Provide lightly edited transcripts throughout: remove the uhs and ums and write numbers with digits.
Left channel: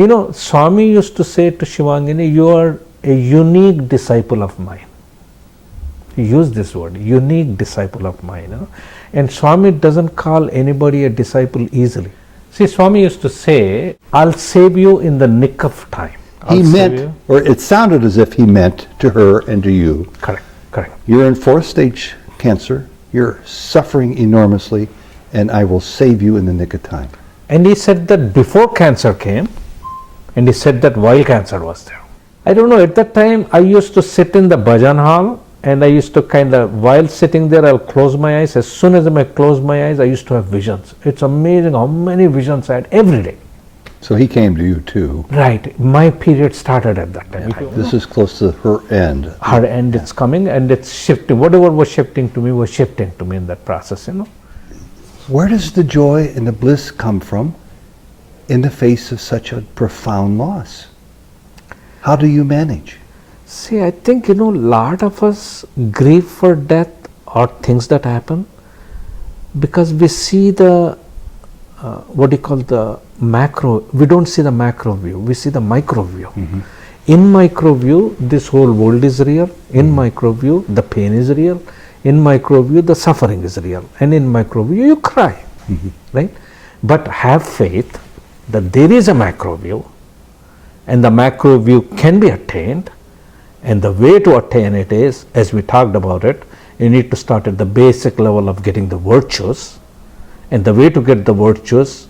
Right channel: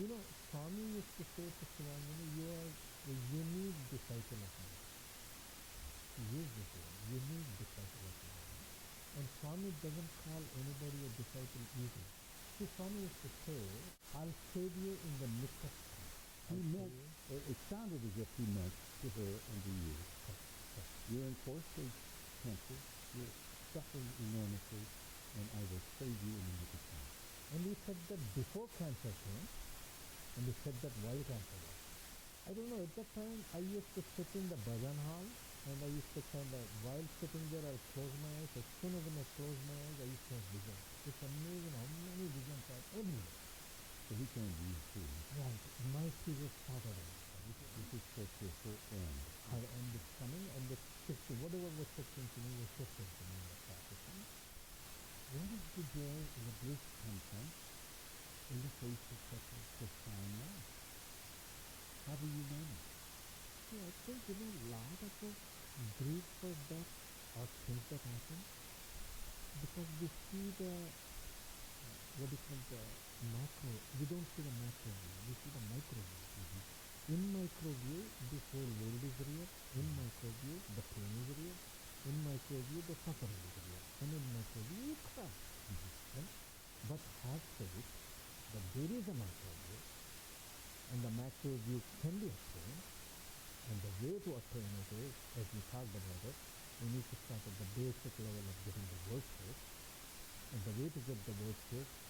You know, Swami used to say to Shivangini, you are a unique disciple of mine. He used this word, unique disciple of mine. You know? And Swami doesn't call anybody a disciple easily. See, Swami used to say, I'll save you in the nick of time. He meant, or it sounded as if he meant to her and to you. Correct, correct. You're in 4th stage cancer, you're suffering enormously, and I will save you in the nick of time. And he said that before cancer came, and he said that while cancer was there. I don't know, at that time I used to sit in the bhajan hall, and I used to while sitting there, I'll close my eyes. As soon as I close my eyes, I used to have visions. It's amazing how many visions I had every day. So he came to you too. Right. My period started at that time. Yeah. This is close to her end. Her end, it's coming and it's shifting. Whatever was shifting to me was shifting to me in that process, you know. Where does the joy and the bliss come from in the face of such a profound loss? How do you manage? See, I think, you know, lot of us grieve for death or things that happen because we see the, what do you call the macro, we don't see the macro view, we see the micro view. Mm-hmm. In micro view, this whole world is real. In micro view, the pain is real. In micro view, the suffering is real. And in micro view, you cry, right? But have faith that there is a macro view and the macro view can be attained. And the way to attain it is, as we talked about it, you need to start at the basic level of getting the virtues. And the way to get the virtues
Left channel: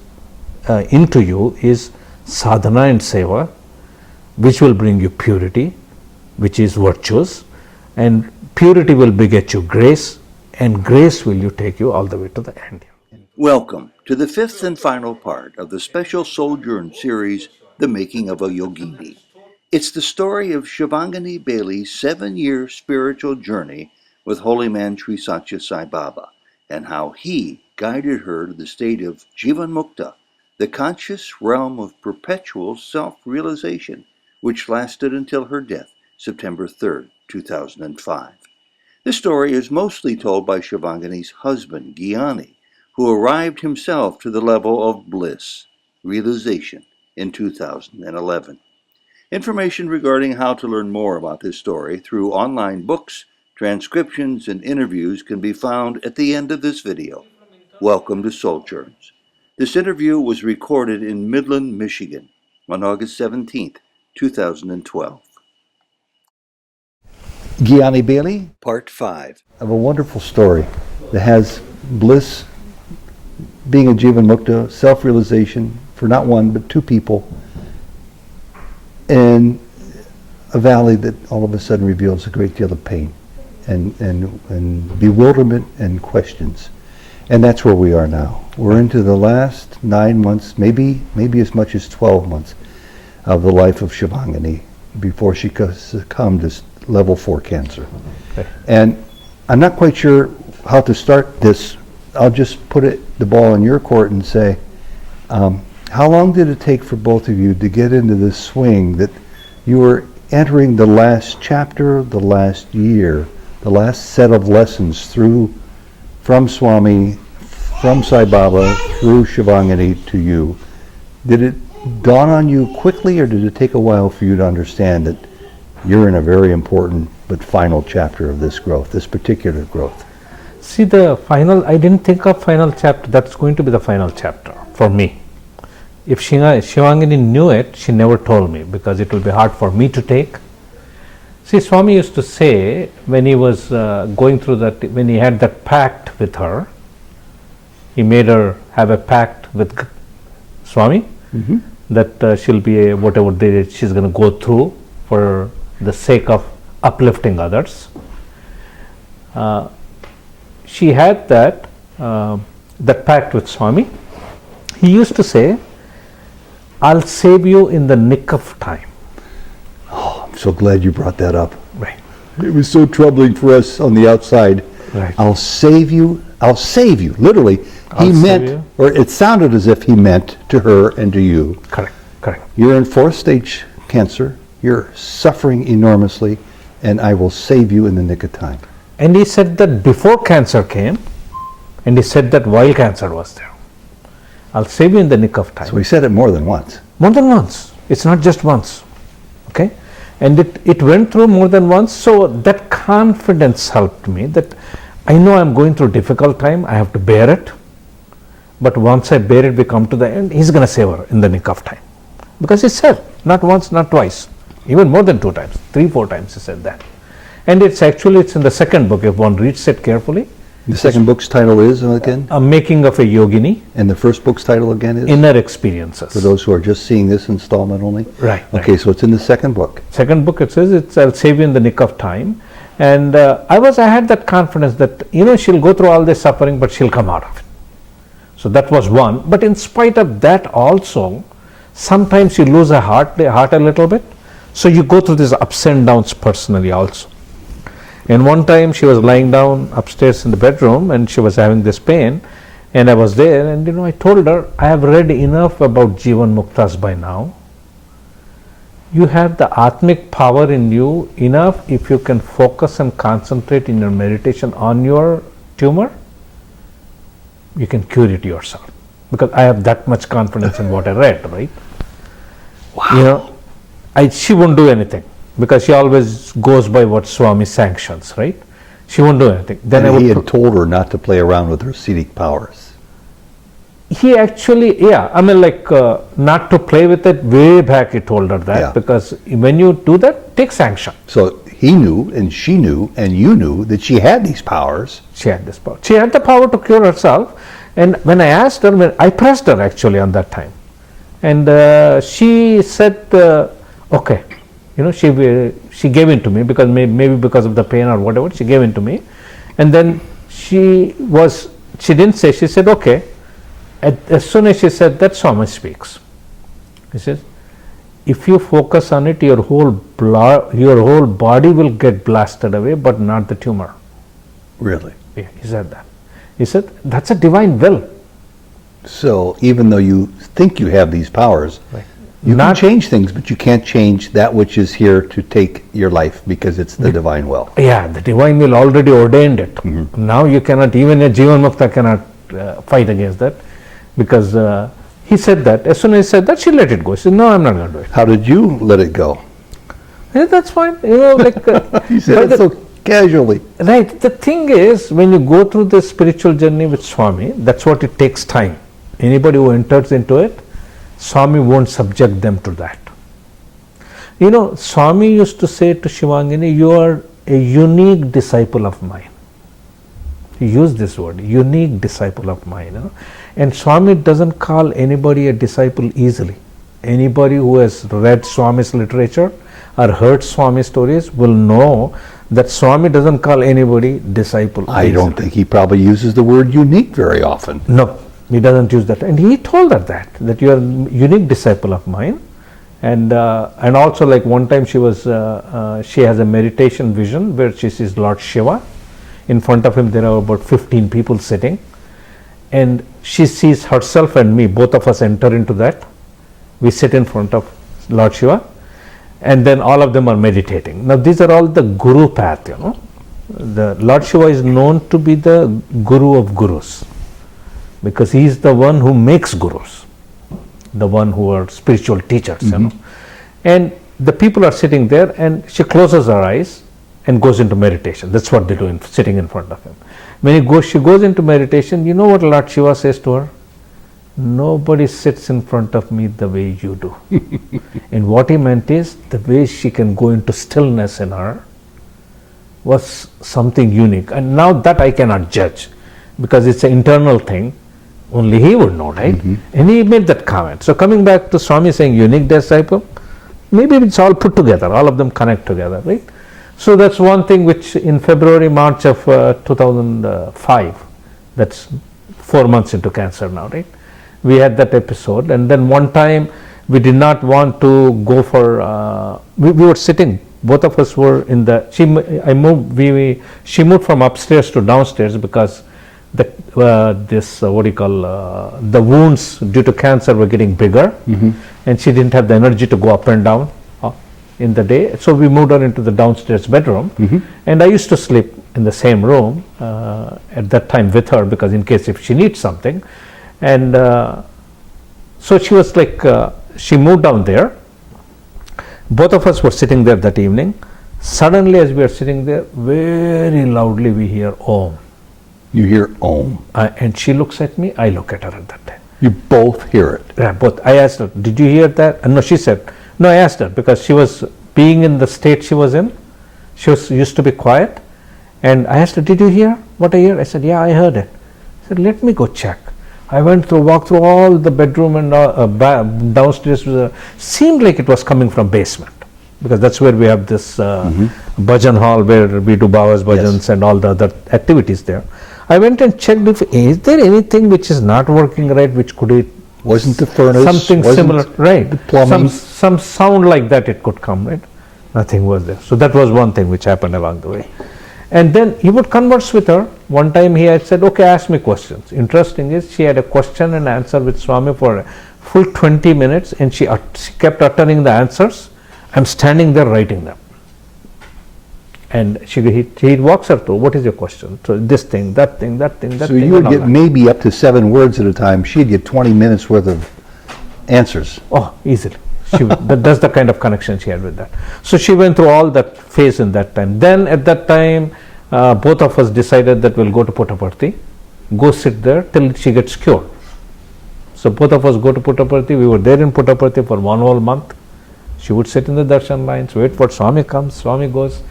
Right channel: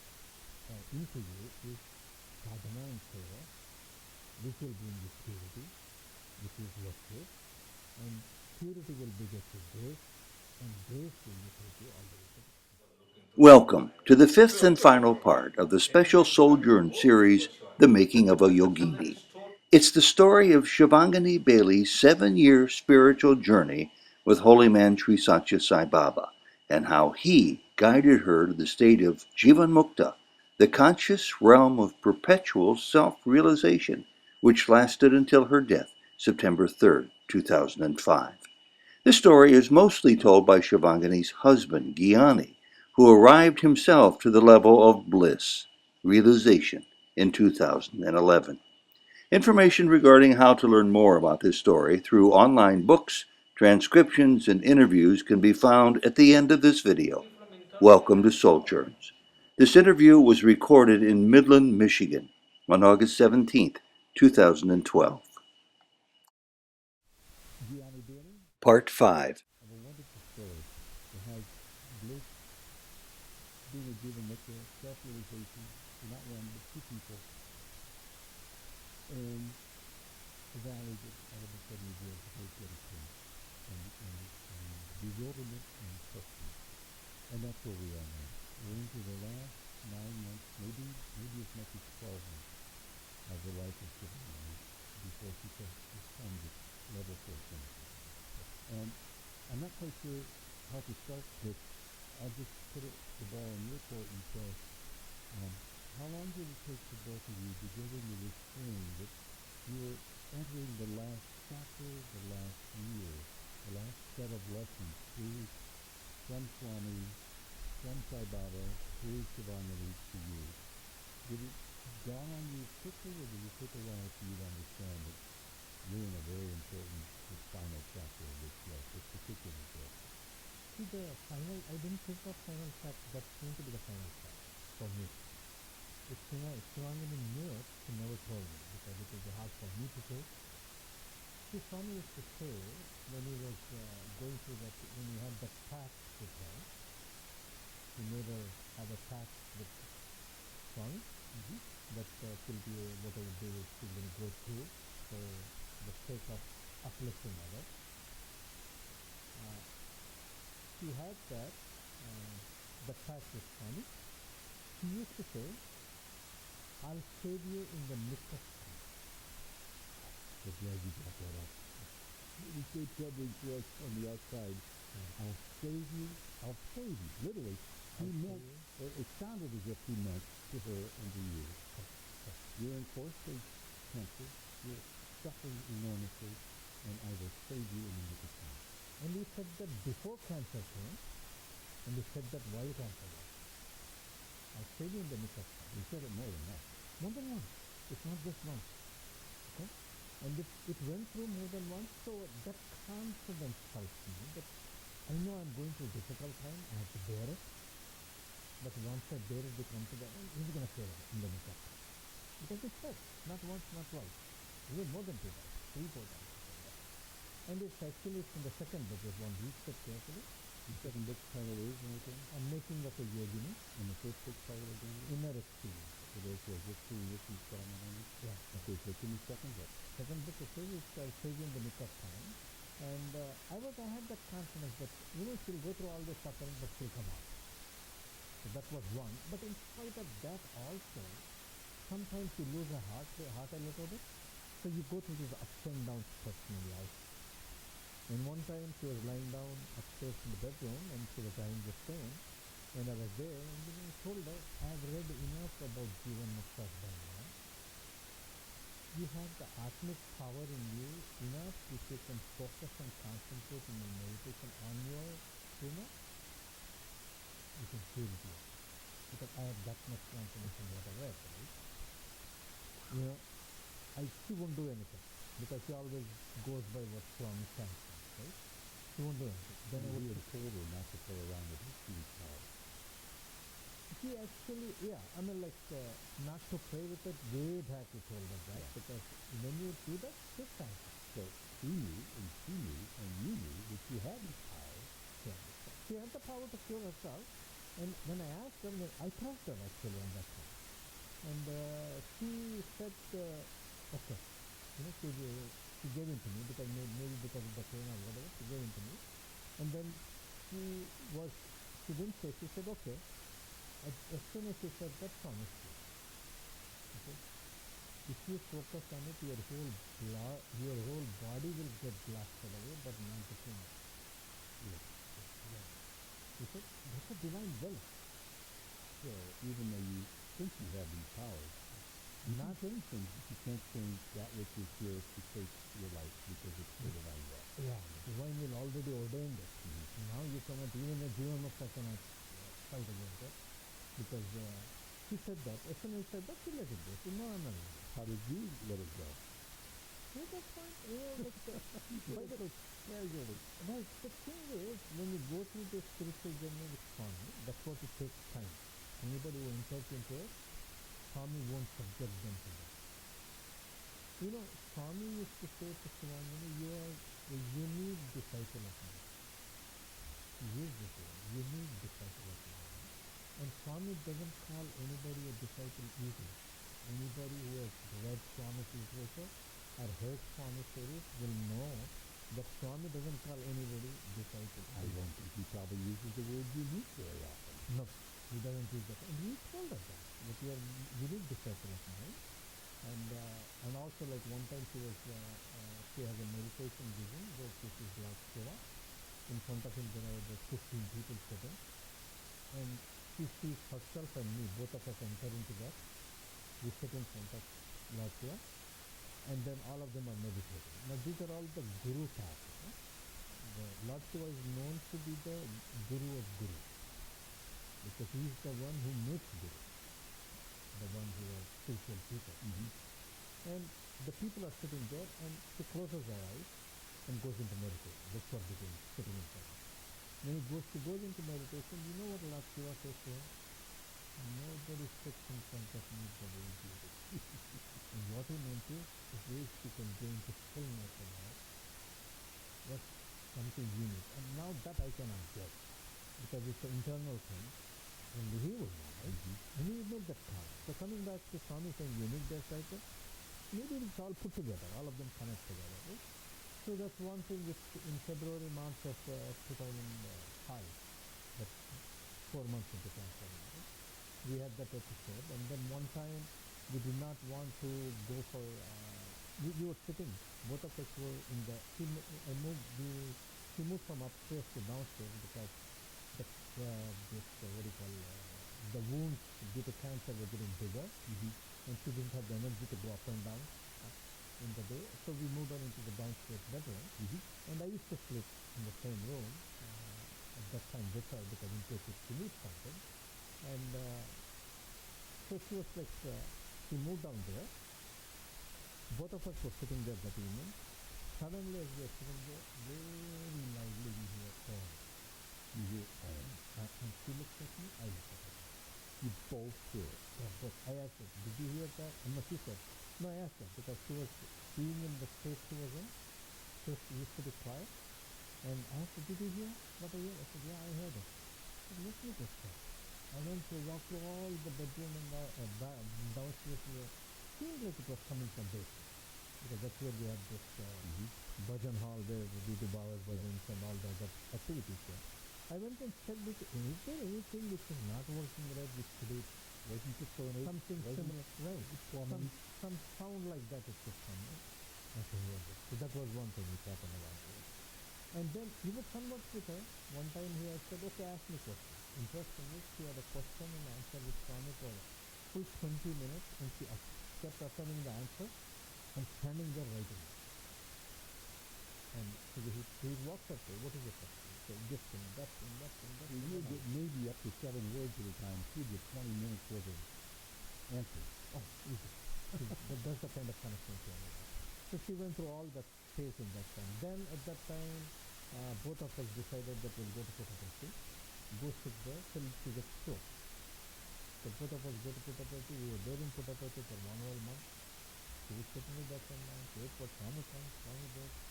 into you is sadhana and seva, which will bring you purity, which is virtues. And purity will beget you grace, and grace will take you all the way to the end. Welcome to the 5th and final part of the special Souljourn series, The Making of a Yogini. It's the story of Shivangini Baile's 7-year spiritual journey with holy man Sri Sathya Sai Baba, and how he guided her to the state of jivanmukta, the conscious realm of perpetual self-realization, which lasted until her death, September 3rd, 2005. This story is mostly told by Shivangini's husband, Gyani, who arrived himself to the level of bliss, realization, in 2011. Information regarding how to learn more about this story through online books, transcriptions, and interviews can be found at the end of this video. Welcome to Souljourns. This interview was recorded in Midland, Michigan on August 17th, 2012. Gyani Baile, Part 5 of a wonderful story that has bliss, being a jivanmukta, self-realization for not one but 2 people, in a valley that all of a sudden reveals a great deal of pain and bewilderment and questions. And that's where we are now. We're into the last 9 months, maybe as much as 12 months of the life of Shivangini before she succumbed to level 4 cancer. Okay. And I'm not quite sure how to start this. I'll just put the ball in your court and say, how long did it take for both of you to get into this swing that you were entering the last chapter, the last year, the last set of lessons from Swami, from Sai Baba, through Shivangini to you? Did it dawn on you quickly, or did it take a while for you to understand that you're in a very important but final chapter of this growth, this particular growth? See, I didn't think of final chapter. That's going to be the final chapter for me. If Shivangini knew it, she never told me because it will be hard for me to take. See, Swami used to say when he was going through that, when he had that pact with her, he made her have a pact with Swami that she'll be whatever she's going to go through for the sake of uplifting others. She had that pact with Swami. He used to say, I'll save you in the nick of time. Oh, I'm so glad you brought that up. Right. It was so troubling for us on the outside. Right. I'll save you, literally. He meant, or it sounded as if he meant to her and to you. Correct, correct. You're in 4th stage cancer, you're suffering enormously, and I will save you in the nick of time. And he said that before cancer came, and he said that while cancer was there. I'll save you in the nick of time. So he said it more than once. More than once. It's not just once, okay? And it went through more than once, so that confidence helped me, that I know I'm going through a difficult time, I have to bear it, but once I bear it, we come to the end, he's going to save her in the nick of time. Because he said, not once, not twice, even more than 2 times, 3, 4 times he said that. And it's in the second book, if one reads it carefully. The second book's title is, again? A Making of a Yogini. And the first book's title again is? Inner Experiences. For those who are just seeing this installment only? Right. Okay, so it's in the second book. Second book, it says, I'll save you in the nick of time. And I had that confidence that, she'll go through all this suffering, but she'll come out of it. So that was one. But in spite of that also, sometimes you lose the heart a little bit. So you go through these ups and downs personally also. And one time she was lying down upstairs in the bedroom and she was having this pain, and I was there, and I told her, I have read enough about jivanmuktas by now. You have the atmic power in you enough. If you can focus and concentrate in your meditation on your tumor, you can cure it yourself. Because I have that much confidence in what I read, right? Wow. She won't do anything, because she always goes by what Swami sanctions, right? She won't do anything. Then and he had told her not to play around with her Siddhic powers. He actually, not to play with it, way back he told her that, because when you do that, take sanction. So he knew, and she knew, and you knew that she had these powers. She had this power. She had the power to cure herself, and when I asked her, I pressed her actually on that time, and she said, okay. She gave in to me, because maybe because of the pain or whatever, she gave in to me. And then she didn't say, she said, okay. As soon as she said that, Swami speaks. He says, if you focus on it, your whole body will get blasted away, but not the tumor. Really? Yeah, he said that. He said, that's a divine will. So even though you think you have these powers, right. You can change things, but you can't change that which is here to take your life, because it's the divine will. Yeah, the divine will already ordained it. Mm-hmm. Now you cannot, even a jivanmukta cannot fight against that, because he said that. As soon as he said that, she let it go. She said, no, I'm not going to do it. How did you let it go? Yeah, that's fine. You said it so casually. Right. The thing is, when you go through the spiritual journey with Swami, that's what it takes time. Anybody who enters into it, Swami won't subject them to that. Swami used to say to Shivangini, you are a unique disciple of mine. He used this word, unique disciple of mine. And Swami doesn't call anybody a disciple easily. Anybody who has read Swami's literature or heard Swami stories will know that Swami doesn't call anybody disciple easily. I don't think he probably uses the word unique very often. No. He doesn't use that, and he told her that you are a unique disciple of mine, and also, like one time she has a meditation vision where she sees Lord Shiva. In front of him there are about 15 people sitting, and she sees herself and me, both of us enter into that. We sit in front of Lord Shiva, and then all of them are meditating. Now these are all the guru path, The Lord Shiva is known to be the guru of gurus, because he is the one who makes gurus, the one who are spiritual teachers, And the people are sitting there, and she closes her eyes and goes into meditation. That's what they do, sitting in front of him. When she goes into meditation, you know what Lord Shiva says to her? Nobody sits in front of me the way you do. And what he meant is, the way she can go into stillness in her was something unique. And now that I cannot judge, because it's an internal thing. Only he would know, right? Mm-hmm. And he made that comment. So coming back to Swami saying unique disciple, maybe it's all put together, all of them connect together, right? So that's one thing which in February, March of 2005, that's 4 months into cancer now, right? We had that episode, and then one time we did not want to go for, we were sitting, both of us were in the, she moved from upstairs to downstairs because the wounds due to cancer were getting bigger, and she didn't have the energy to go up and down in the day. So we moved her into the downstairs bedroom, and I used to sleep in the same room at that time with her, because in case if she needs something. And so she was like, she moved down there, Both of us were sitting there that evening. Suddenly, as we are sitting there, very loudly we hear Om. You hear Om. And she looks at me, I look at her at that time. You both hear it. Yeah, both. I asked her, did you hear that? No, she said, no, I asked her because she was, being in the state she was in, she was used to be quiet. And I asked her, did you hear what I heard? I said, yeah, I heard it. I said, let me go check. I walked through all the bedroom and downstairs. Seemed like it was coming from basement, because that's where we have this bhajan hall where we do Baba's bhajans and all the other activities there. I went and checked if, is there anything which is not working right, which could it, wasn't the furnace, something similar, right? The plumbing. Some sound like that it could come, right? Nothing was there. So that was one thing which happened along the way. And then he would converse with her. One time he had said, okay, ask me questions. Interesting is, she had a question and answer with Swami for a full 20 minutes, and she kept uttering the answers. I'm standing there writing them. And he walks her through, what is your question? So this thing, that thing, that thing, that So thing. you would get maybe up to 7 words at a time. She'd get 20 minutes worth of answers. Oh, easily. That's the kind of connection she had with that. So she went through all that phase in that time. Then at that time, both of us decided that we'll go to Puttaparthi, go sit there till she gets cured. So both of us go to Puttaparthi. We were there in Puttaparthi for 1 whole month. She would sit in the darshan lines, wait for Swami comes, Swami goes.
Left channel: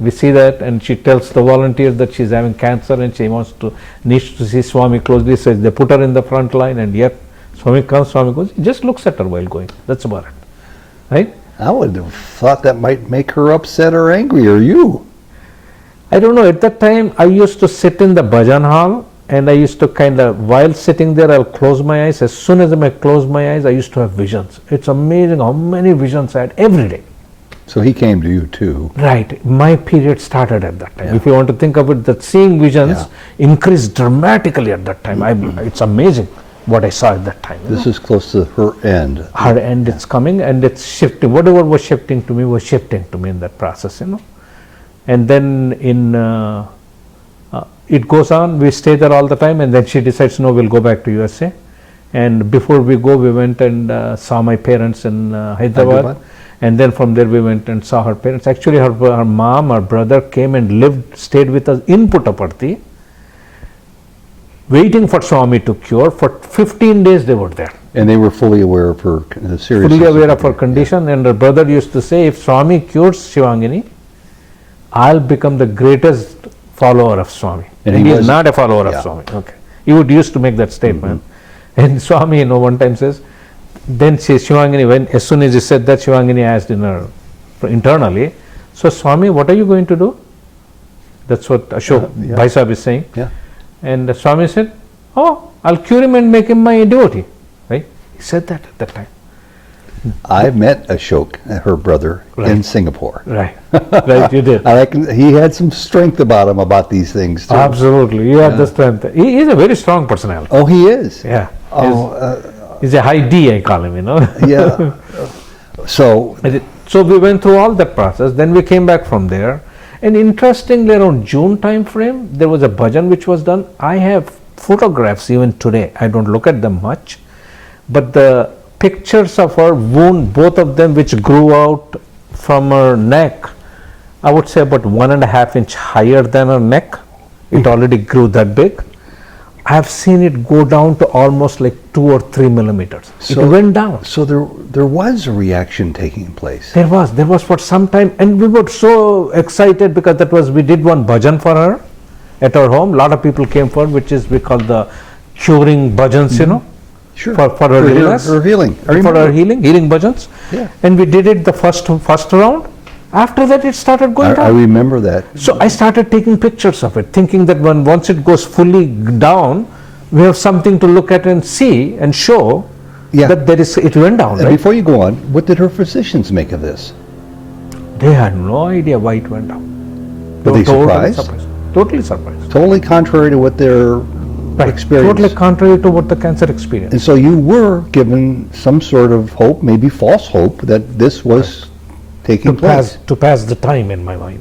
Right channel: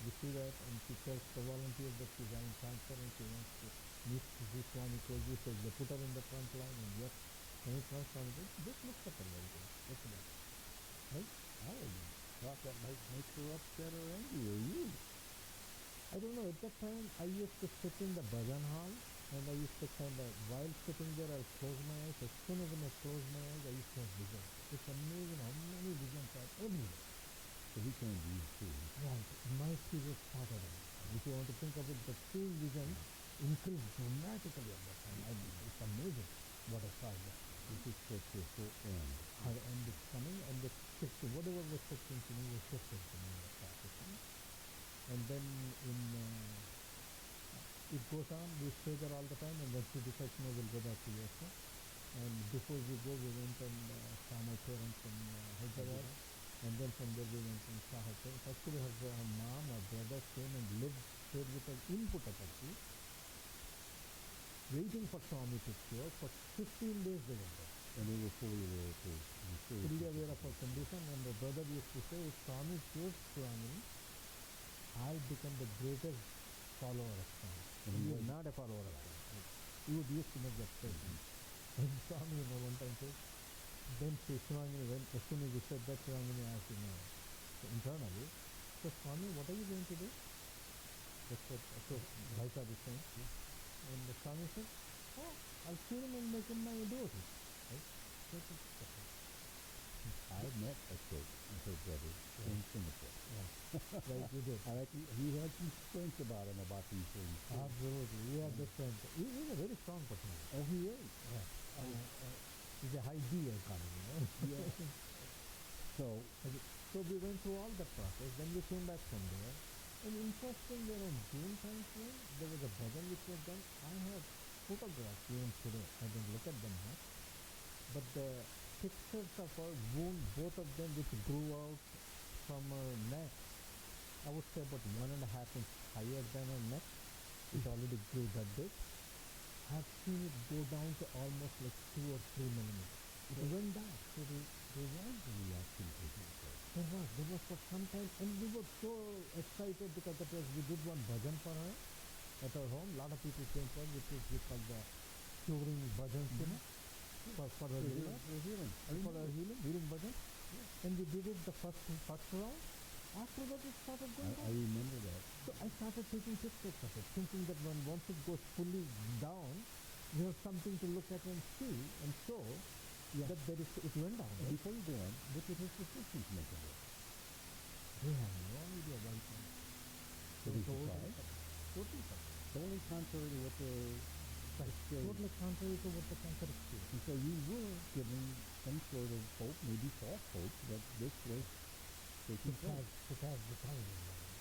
We see that, and she tells the volunteer that she's having cancer and she needs to see Swami closely. So they put her in the front line, and yet Swami comes, Swami goes. He just looks at her while going. That's about it. Right? I would have thought that might make her upset or angry, or you. I don't know. At that time, I used to sit in the bhajan hall, and I used to while sitting there, I'll close my eyes. As soon as I close my eyes, I used to have visions. It's amazing how many visions I had every day. So he came to you too. Right. My period started at that time. Yeah. If you want to think of it, that seeing visions increased dramatically at that time. It's amazing what I saw at that time. This is close to her end. Her end, it's coming and it's shifting. Whatever was shifting to me was shifting to me in that process, And then it goes on, we stay there all the time, and then she decides, no, we'll go back to USA. And before we go, we went and saw my parents in Hyderabad. And then from there we went and saw her parents. Actually, her mom, her brother came and stayed with us in Puttaparthi, waiting for Swami to cure. For 15 days they were there. And they were fully aware of her seriousness. Fully aware of her condition, and her brother used to say, if Swami cures Shivangini, I'll become the greatest follower of Swami. And he is not a follower of Swami. Okay. He used to make that statement. And Swami, one time says, then Shivangini, as soon as he said that, Shivangini asked internally, so Swami, what are you going to do? That's what Ashok Bhai Sahib is saying. Yeah. And Swami said, oh, I'll cure him and make him my devotee. Right? He said that at that time. I met Ashok, her brother, in Singapore. Right. Right, you did. He had some strength about him about these things too. Absolutely. He had the strength. He is a very strong personality. Oh, he is? Yeah. He's a high D, I call him, Yeah. So we went through all that process. Then we came back from there. And interestingly, around June time frame, there was a bhajan which was done. I have photographs even today. I don't look at them much. But the pictures of her wound, both of them which grew out from her neck, I would say about 1.5 inch higher than her neck. It already grew that big. I have seen it go down to almost like 2 or 3 millimeters. So, it went down. So there was a reaction taking place. There was for some time, and we were so excited because we did one bhajan for her at our home. A lot of people came for, which is we call the curing bhajans, Sure. For her illness. Her healing. For her healing bhajans. Yeah. And we did it the first round. After that, it started going down. I remember that. So I started taking pictures of it, thinking that once it goes fully down, we have something to look at and see and show that it went down. And right? before you go on, what did her physicians make of this? They had no idea why it went down. Were they surprised? Totally surprised. Totally contrary to what their experience. Totally contrary to what the cancer experienced. And so you were given some sort of hope, maybe false hope, that this was taking place. To pass the time in my mind.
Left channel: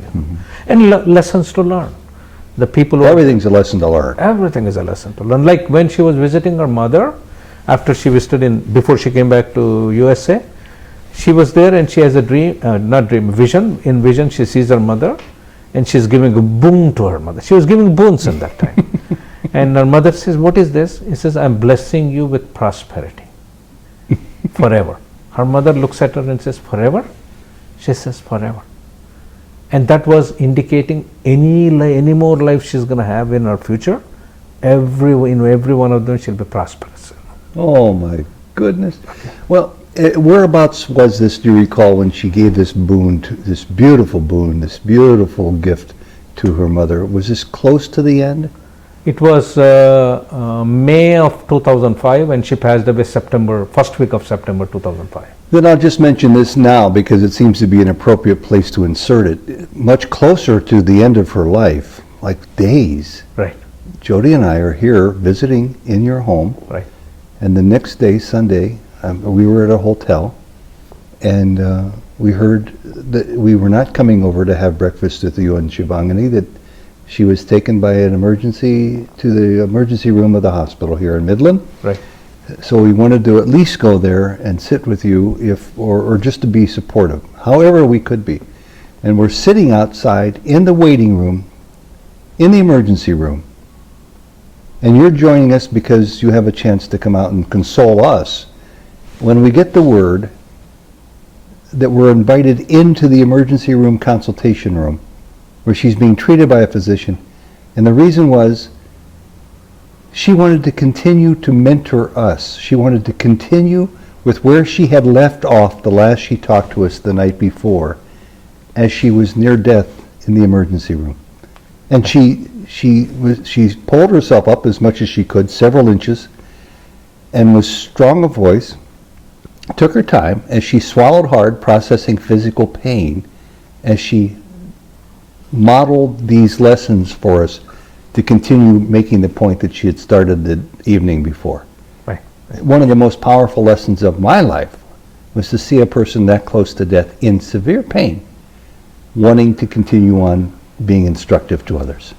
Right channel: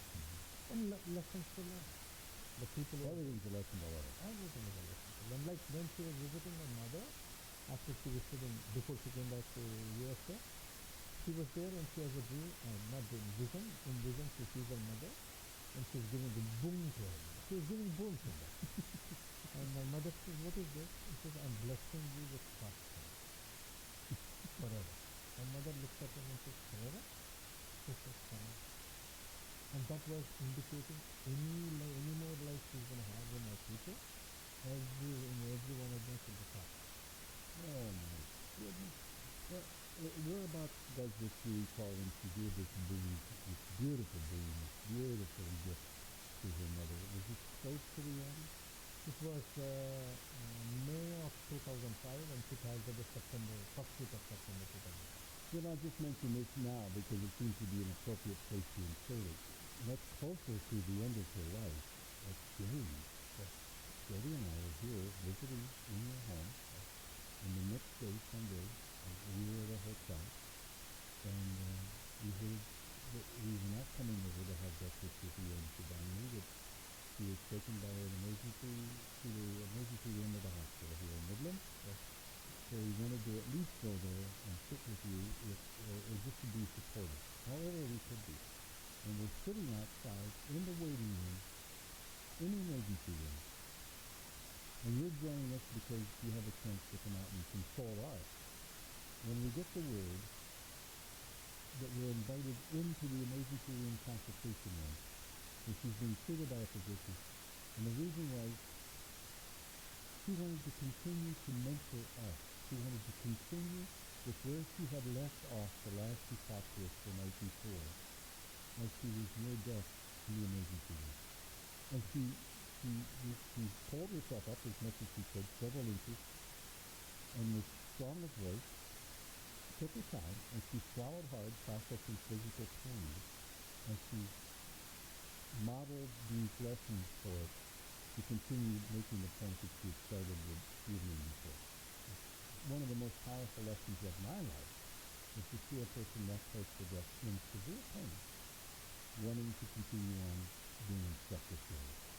And lessons to learn. The people. Everything's a lesson to learn. Everything is a lesson to learn. Like when she was visiting her mother, after she visited before she came back to USA, She was there and she has a dream, not dream, vision. In vision, she sees her mother and she's giving a boon to her mother. She was giving boons in that time. And her mother says, what is this? He says, I'm blessing you with prosperity forever. Her mother looks at her and says, forever? She says, forever. And that was indicating any more life she's going to have in her future. Every one of them she'll be prosperous. Oh my goodness. Well, whereabouts was this, do you recall, when she gave this boon, this beautiful gift to her mother? Was this close to the end? It was May of 2005 and she passed away first week of September 2005. Then I'll just mention this now because it seems to be an appropriate place to insert it. Much closer to the end of her life, like days. Right. Jody and I are here visiting in your home. Right. And the next day, Sunday, we were at a hotel and we heard that we were not coming over to have breakfast with you and Shivangini, that she was taken by an emergency to the emergency room of the hospital here in Midland. Right. So we wanted to at least go there and sit with you or just to be supportive, however we could be. And we're sitting outside in the waiting room, in the emergency room. And you're joining us because you have a chance to come out and console us. When we get the word that we're invited into the emergency room consultation room, where she's being treated by a physician, and the reason was she wanted to continue to mentor us. She wanted to continue with where she had left off the last she talked to us the night before, as she was near death in the emergency room. And she pulled herself up as much as she could, several inches, and was strong of voice, took her time as she swallowed hard, processing physical pain, as she modeled these lessons for us to continue making the point that she had started the evening before. Right. One of the most powerful lessons of my life was to see a person that close to death in severe pain, wanting to continue on being instructive to others.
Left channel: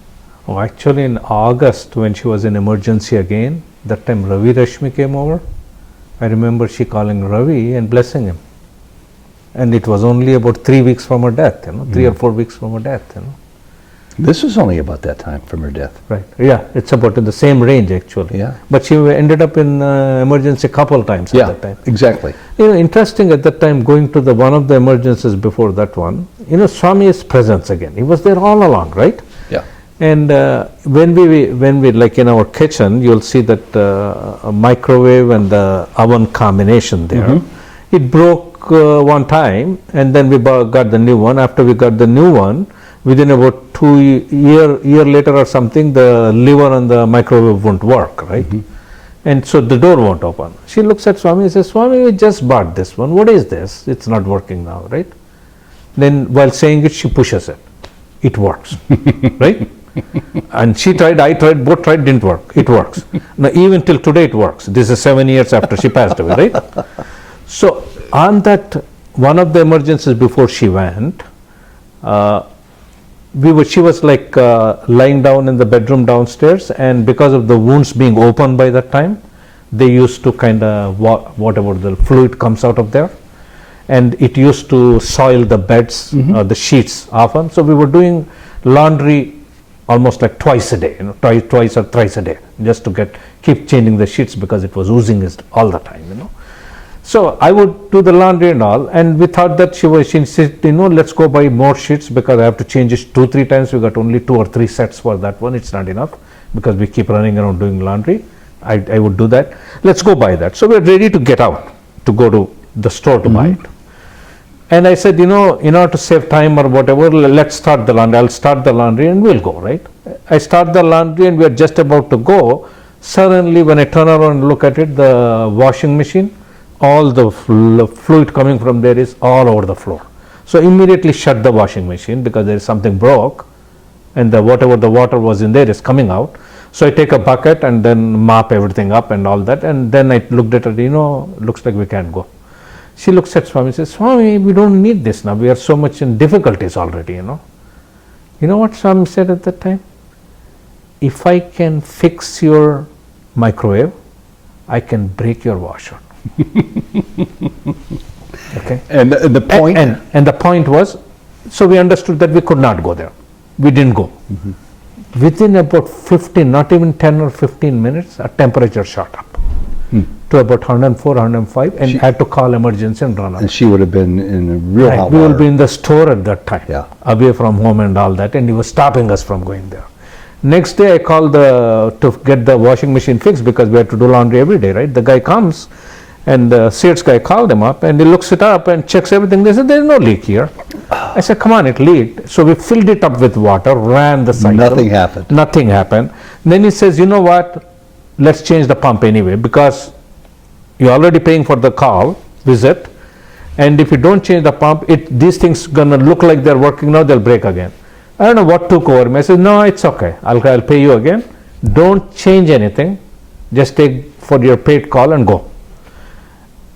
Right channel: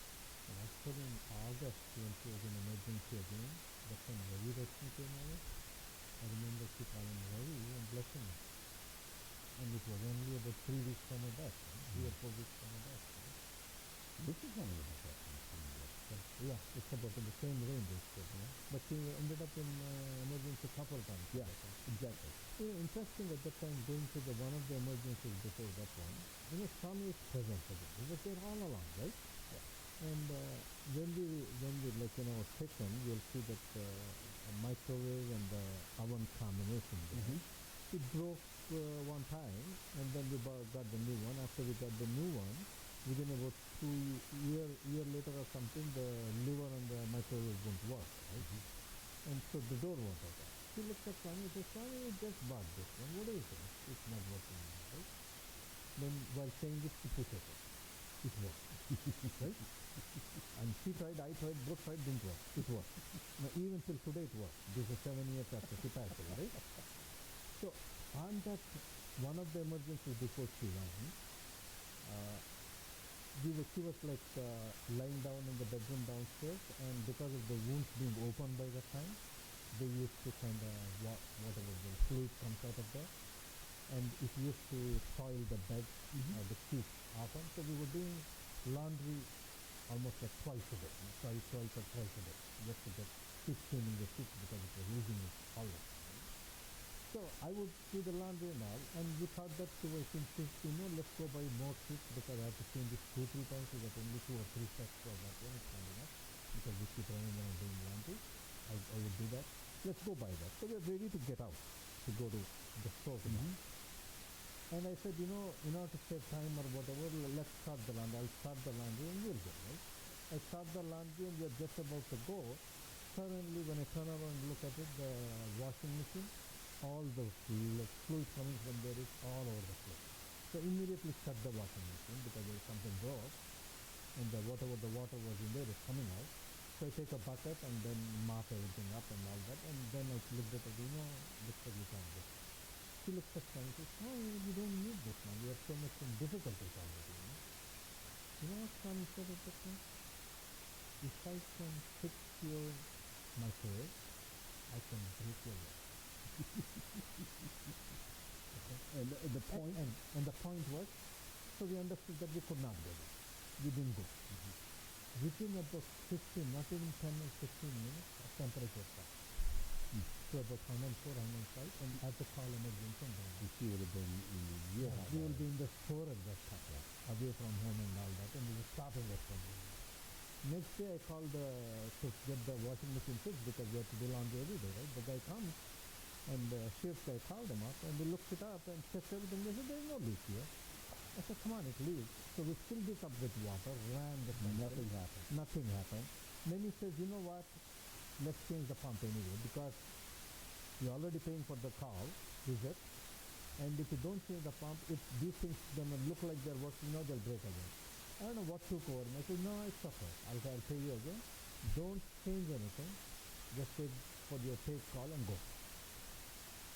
Oh, actually in August when she was in emergency again, that time Ravi Rashmi came over. I remember she calling Ravi and blessing him. And it was only about 3 weeks from her death, 3 or 4 weeks from her death, This was only about that time from her death. Right. Yeah, it's about in the same range actually. Yeah. But she ended up in emergency a couple times at that time. Exactly. Interesting at that time, going to one of the emergencies before that one, Swami's presence again. He was there all along, right? Yeah. And when we like in our kitchen, you'll see that a microwave and the oven combination there. It broke one time, and then we got the new one. After we got the new one, within about 2 year later or something, the lever on the microwave won't work, right? And so the door won't open. She looks at Swami and says, Swami, we just bought this one. What is this? It's not working now, right? Then while saying it, she pushes it. It works, right? And she tried, I tried, both tried, didn't work. It works. Now even till today it works. This is 7 years after she passed away, right? So on one of the emergencies before she went, she was like lying down in the bedroom downstairs, and because of the wounds being open by that time, they used to kind of whatever the fluid comes out of there, and it used to soil the beds, the sheets often. So we were doing laundry almost like twice a day, twice or thrice a day, just to keep changing the sheets because it was oozing all the time, So I would do the laundry and all, and we thought that she said, let's go buy more sheets because I have to change it 2-3 times. We got only 2 or 3 sets for that one. It's not enough because we keep running around doing laundry. I would do that. Let's go buy that. So we're ready to get out to go to the store to buy it. And I said, in order to save time or whatever, let's start the laundry. I'll start the laundry and we'll go, right? I start the laundry and we're just about to go. Suddenly, when I turn around and look at it, the washing machine, all the fluid coming from there is all over the floor. So immediately shut the washing machine because there is something broke, and whatever the water was in there is coming out. So I take a bucket and then mop everything up and all that, and then I looked at it, looks like we can't go. She looks at Swami and says, Swami, we don't need this now. We are so much in difficulties already, You know what Swami said at that time? If I can fix your microwave, I can break your washer. Okay. And the point? And the point was, so we understood that we could not go there. We didn't go. Within about 15, not even 10 or 15 minutes, our temperature shot up to about 104, 105, and had to call emergency and run out. And she would have been in a real hot We will water. be in the store at that time, Yeah. away from home and all that, and he was stopping us from going there. Next day, I called to get the washing machine fixed because we had to do laundry every day, right? The guy comes, and the Sears guy called him up, and he looks it up and checks everything. They said, there's no leak here. I said, come on, it leaked. So we filled it up with water, ran the cycle. Nothing happened. Nothing happened. Then he says, you know what, let's change the pump anyway, because you're already paying for the call, visit, and if you don't change the pump, these things gonna look like they're working now, they'll break again. I don't know what took over me. I said, no, it's okay. I'll pay you again. Don't change anything. Just take for your paid call and go.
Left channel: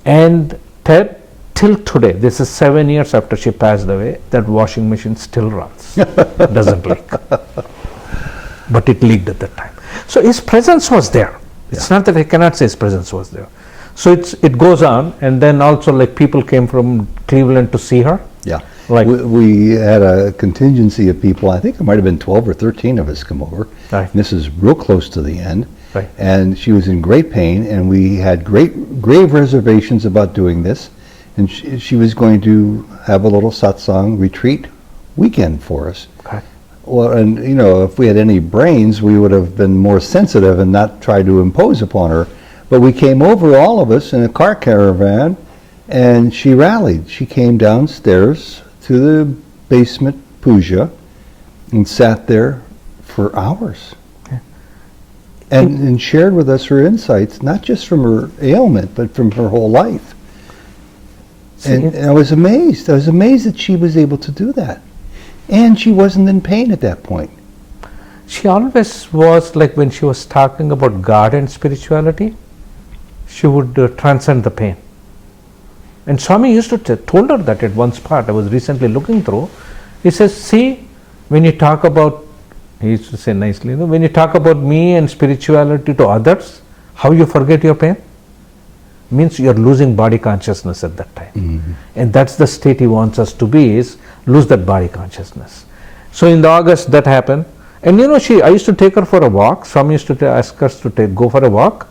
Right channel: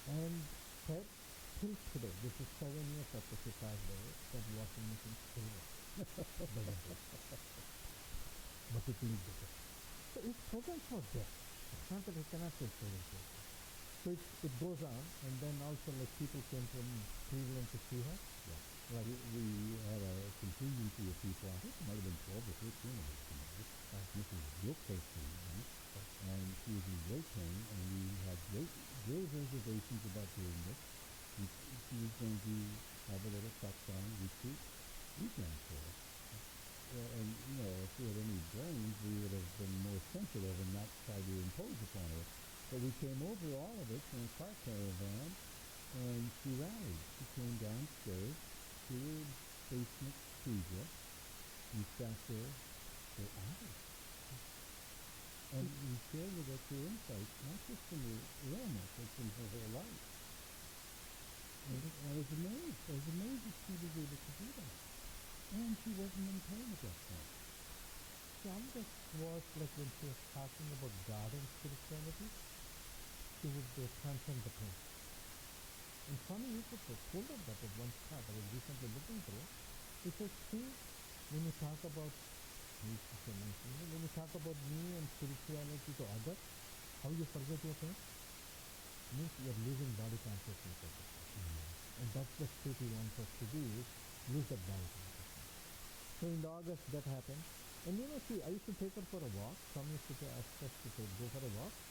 And Ted, till today, this is 7 years after she passed away, that washing machine still runs. Doesn't leak. But it leaked at that time. So his presence was there. It's not that I cannot say his presence was there. So it goes on, and then also like people came from Cleveland to see her. Yeah. Like we had a contingency of people, I think it might have been 12 or 13 of us come over. Right. And this is real close to the end. Right. And she was in great pain, and we had grave reservations about doing this. And she was going to have a little satsang retreat weekend for us. Okay. Well, and you know, if we had any brains, we would have been more sensitive and not tried to impose upon her. But we came over, all of us, in a car caravan, and she rallied. She came downstairs to the basement puja and sat there for hours. Okay. And shared with us her insights, not just from her ailment, but from her whole life. And I was amazed. I was amazed that she was able to do that. And she wasn't in pain at that point. She always was, like when she was talking about God and spirituality, she would transcend the pain. And Swami used to told her that at one spot. I was recently looking through. He says, see, when you talk about, he used to say nicely, you know, when you talk about me and spirituality to others, how you forget your pain? Means you're losing body consciousness at that time. And that's the state he wants us to be, is lose that body consciousness. So in the August that happened, and you know, I used to take her for a walk. Swami used to ask us to go for a walk.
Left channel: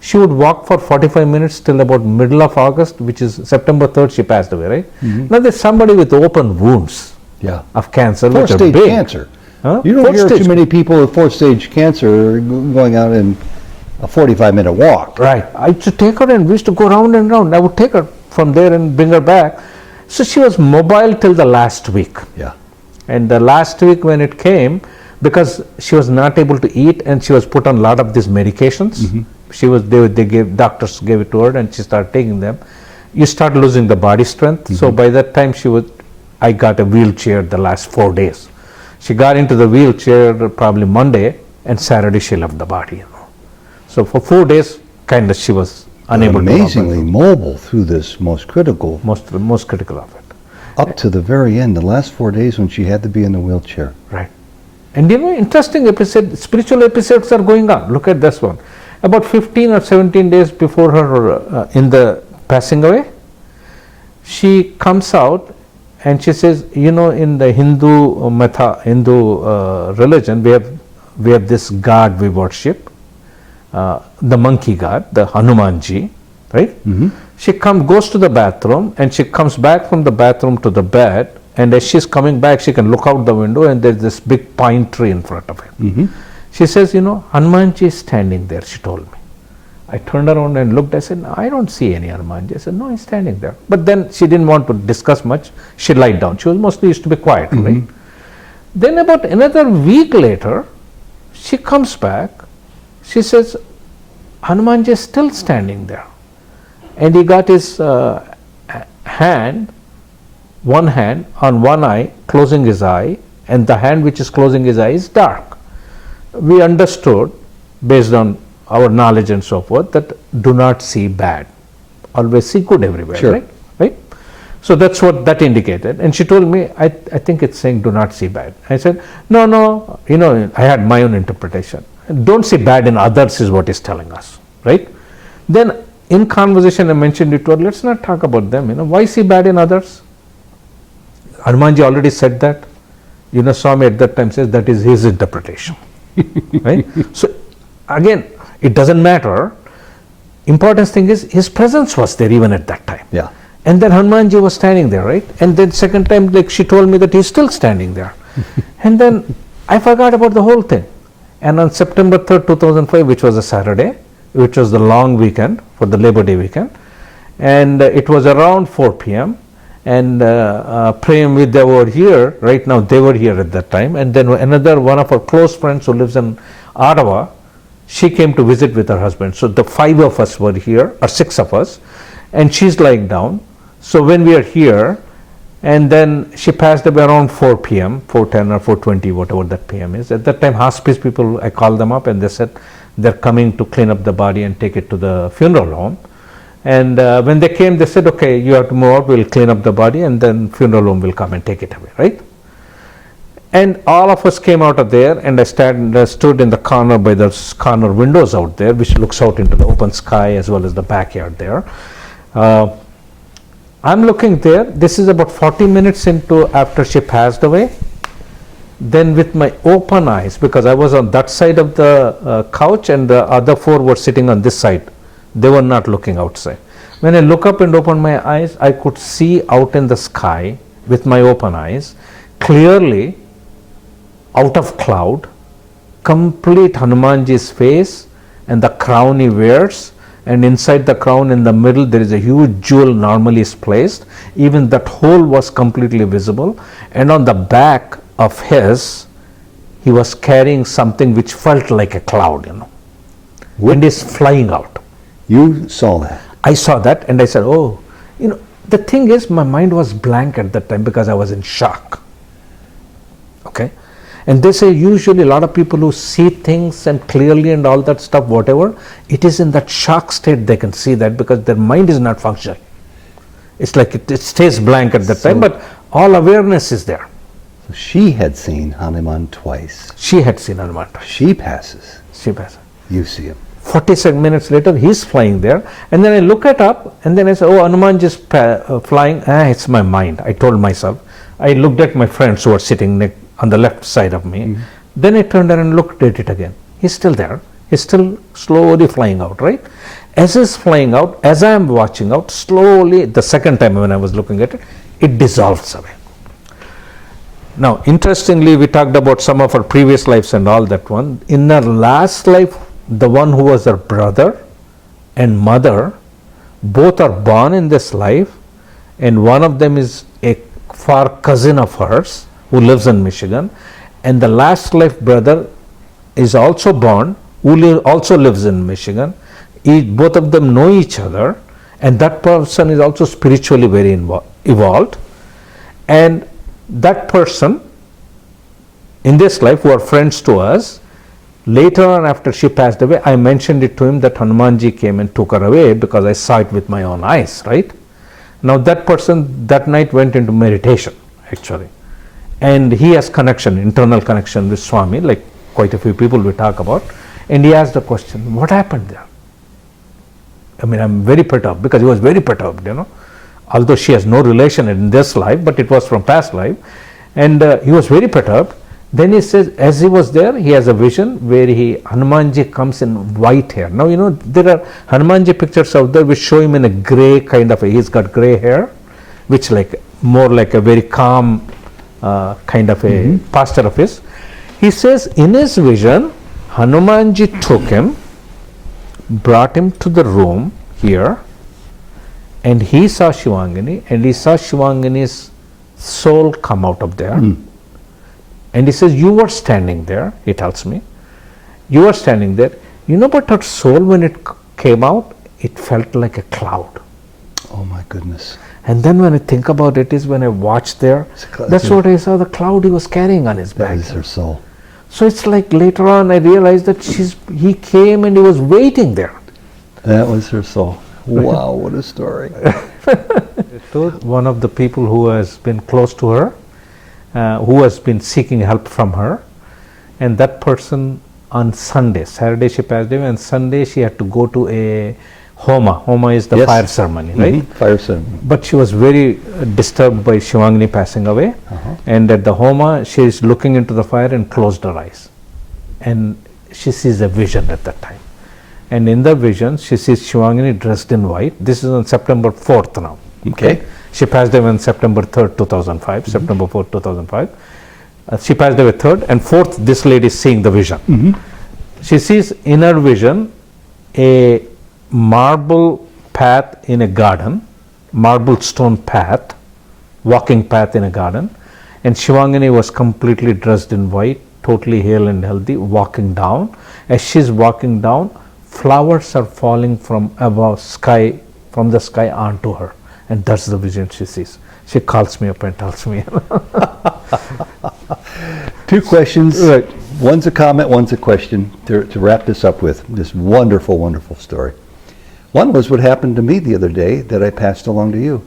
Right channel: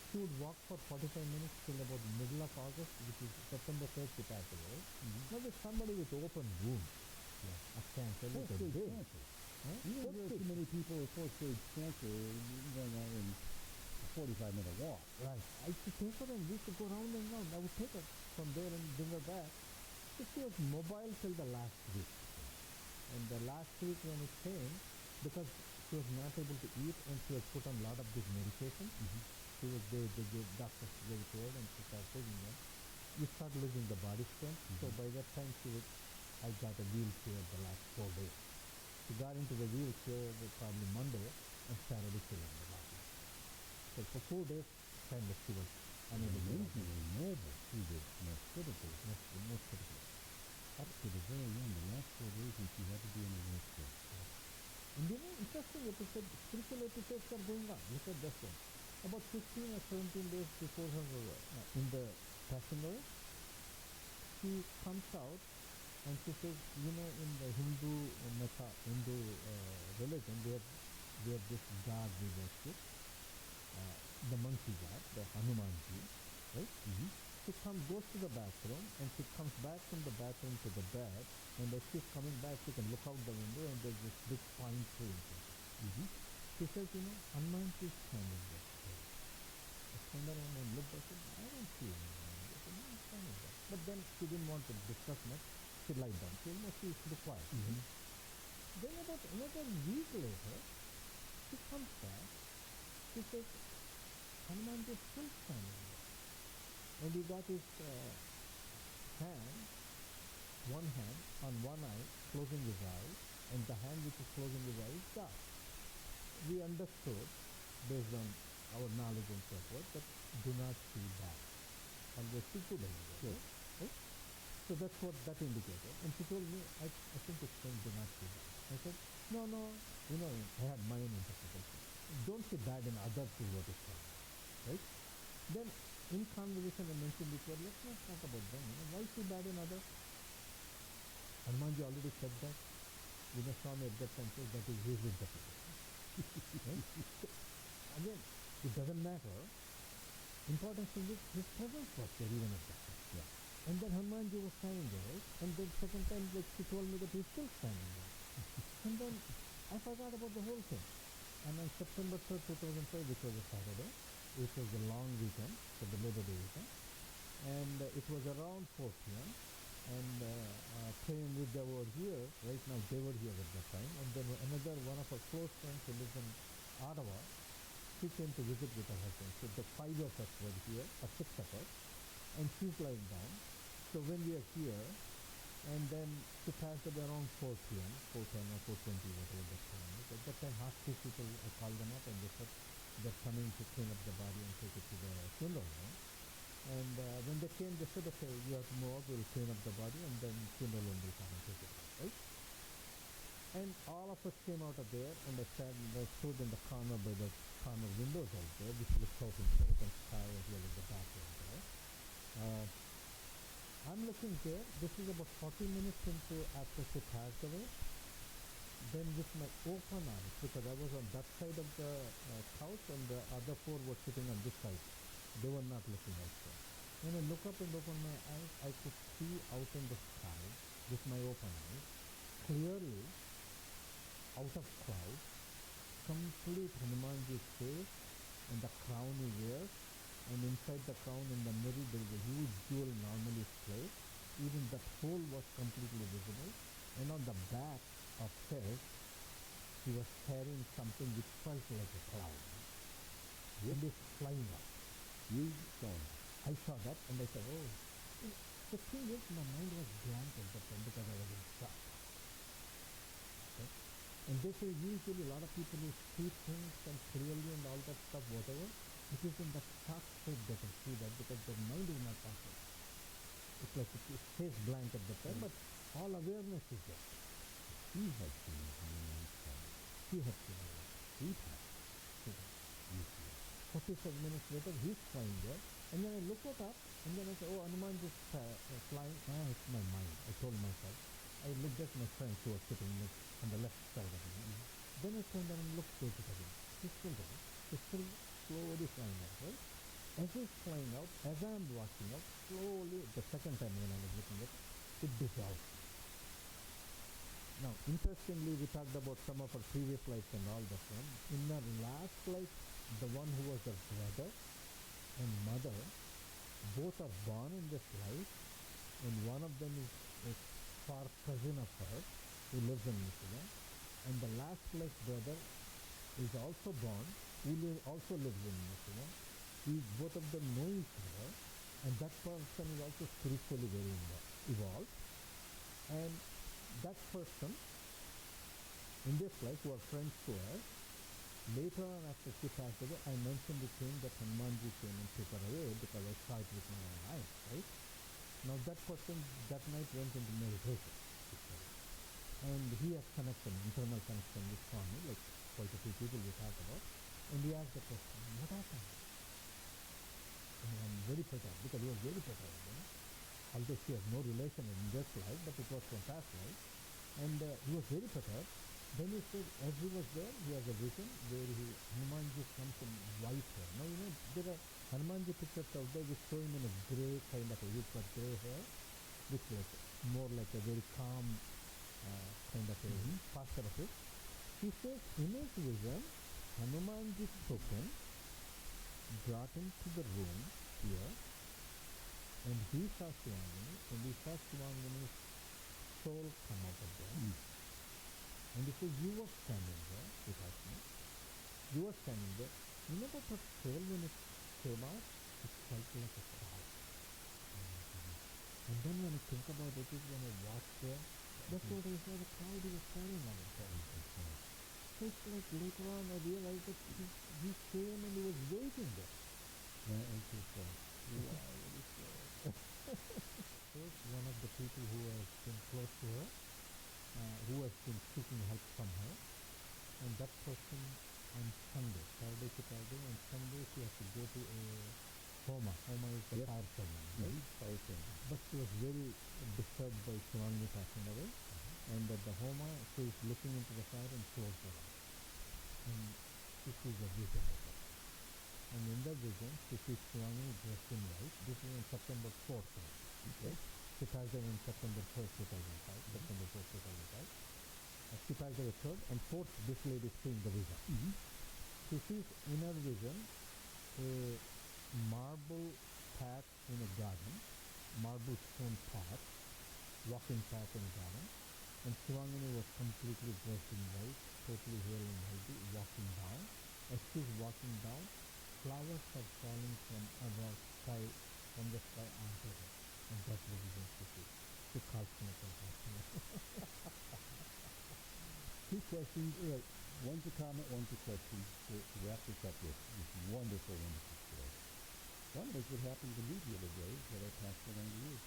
She would walk for 45 minutes till about middle of August, which is September 3rd, she passed away, right? Now there's somebody with open wounds of cancer, which are Fourth-stage big. cancer. Huh? You don't hear Fourth-stage too many people with fourth-stage cancer going out in a 45-minute walk. Right. I used to take her and we used to go round and round. I would take her from there and bring her back. So she was mobile till the last week. Yeah. And the last week when it came, because she was not able to eat and she was put on a lot of these medications, doctors gave it to her and she started taking them. You start losing the body strength. So by that time I got a wheelchair the last 4 days. She got into the wheelchair probably Monday, and Saturday she left the body. You know. So for 4 days, kind of she was unable to amazingly mobile through this most critical. most critical of it. Up to the very end, the last 4 days when she had to be in the wheelchair. Right. And you know, interesting spiritual episodes are going on. Look at this one. About 15 or 17 days before her in the passing away, she comes out and she says, you know, in the Hindu religion, we have this god we worship, the monkey god, the Hanumanji, right? She goes to the bathroom, and she comes back from the bathroom to the bed, and as she's coming back, she can look out the window, and there's this big pine tree in front of her. She says, you know, Hanumanji is standing there, she told me. I turned around and looked. I said, no, I don't see any Hanumanji. I said, no, he's standing there. But then she didn't want to discuss much. She lied down. She was mostly used to be quiet, right? Then about another week later, she comes back. She says, Hanumanji is still standing there. And he got his hand, one hand on one eye, closing his eye, and the hand which is closing his eye is dark. We understood, based on our knowledge and so forth, that do not see bad. Always see good everywhere, Sure. right? So that's what that indicated. And she told me, I think it's saying do not see bad. I said, no, you know, I had my own interpretation. Don't see bad in others is what it's telling us, right? Then in conversation I mentioned it to her, let's not talk about them, why is he bad in others? Hanumanji already said that. Swami at that time says that is his interpretation. Right? So again, it doesn't matter. Important thing is his presence was there even at that time. Yeah. And then Hanumanji was standing there, right? And then second time, like she told me that he's still standing there. And then I forgot about the whole thing. And on September 3rd, 2005, which was a Saturday, which was the long weekend for the Labor Day weekend, and it was around 4 p.m. and Prem Vidya were here, right now they were here at that time, and then another one of our close friends who lives in Ottawa, she came to visit with her husband. So the 5 of us were here, or 6 of us, and she's lying down. So when we are here, and then she passed away around 4 p.m., 4:10 or 4:20, whatever that p.m. is. At that time, hospice people, I called them up and they said they're coming to clean up the body and take it to the funeral home. And when they came, they said, okay, you have to move out, we'll clean up the body and then funeral home will come and take it away, right? And all of us came out of there, and I stood in the corner by the corner windows out there, which looks out into the open sky as well as the backyard there. I'm looking there. This is about 40 minutes into after she passed away. Then with my open eyes, because I was on that side of the couch and the other 4 were sitting on this side. They were not looking outside. When I look up and open my eyes, I could see out in the sky with my open eyes clearly out of cloud, complete Hanumanji's face and the crown he wears, and inside the crown in the middle there is a huge jewel normally is placed. Even that hole was completely visible, and on the back of his, he was carrying something which felt like a cloud, and is flying out. You saw that? I saw that and I said, oh, the thing is my mind was blank at that time because I was in shock. Okay. And they say usually a lot of people who see things and clearly and all that stuff, whatever, it is in that shock state they can see that because their mind is not functioning. It's like it stays blank at that time, but all awareness is there. So she had seen Hanuman twice. She had seen Hanuman twice. She passes. She passes. You see him. 47 minutes later, he's flying there. And then I look it up and then I say, oh, Hanuman just flying. It's my mind. I told myself. I looked at my friends who are sitting on the left side of me. Mm-hmm. Then I turned around and looked at it again. He's still there. He's still slowly flying out, right? As he's flying out, as I am watching out, slowly, the second time when I was looking at it, it dissolves away. Now, interestingly, we talked about some of our previous lives and all that one. In our last life, the one who was her brother and mother, both are born in this life, and one of them is a far cousin of hers who lives in Michigan, and the last life brother is also born, who also lives in Michigan. Both of them know each other, and that person is also spiritually very evolved, and that person in this life who are friends to us, later on after she passed away, I mentioned it to him that Hanumanji came and took her away because I saw it with my own eyes, right? Now that person that night went into meditation actually, and he has connection, internal connection with Swami, like quite a few people we talk about, and he asked the question, what happened there? I mean, I'm very perturbed because he was very perturbed, although she has no relation in this life, but it was from past life, and he was very perturbed. Then he says, as he was there, he has a vision where Hanumanji comes in white hair. Now, there are Hanumanji pictures out there which show him in a gray kind of he's got gray hair, which more like a very calm kind of a pastor of his. He says, in his vision, Hanumanji took him, brought him to the room here, and he saw Shivangini, and he saw Shivangini's soul come out of there. And he says, you were standing there, he tells me. You were standing there. But her soul, when it came out, it felt like a cloud. Oh my goodness. And then when I think about it is when I watched there, that's what I saw, the cloud he was carrying on his back. That is her soul. So it's like later on I realized that he came and he was waiting there. That was her soul. Wow, what a story. One of the people who has been close to her, who has been seeking help from her, and that person on Sunday, Saturday she passed away, and Sunday she had to go to a Homa. Homa is the Yes. fire ceremony, right? Fire ceremony. But she was very disturbed by Shivangini passing away. And at the Homa, she is looking into the fire and closed her eyes. And she sees a vision at that time. And in the vision, she sees Shivangini dressed in white. This is on September 4th now. Okay. She passed away on September 3rd, 2005, September 4th, 2005. She passed away 3rd, and 4th, this lady is seeing the vision. She sees in her vision a marble path in a garden, marble stone path, walking path in a garden, and Shivangini was completely dressed in white, totally hale and healthy, walking down. As she's walking down, flowers are falling from above sky, from the sky onto her, and that's the vision she sees. She calls me up and tells me. Two questions. Right. One's a comment, one's a question to wrap this up with. This wonderful, wonderful story. One was what happened to me the other day that I passed along to you.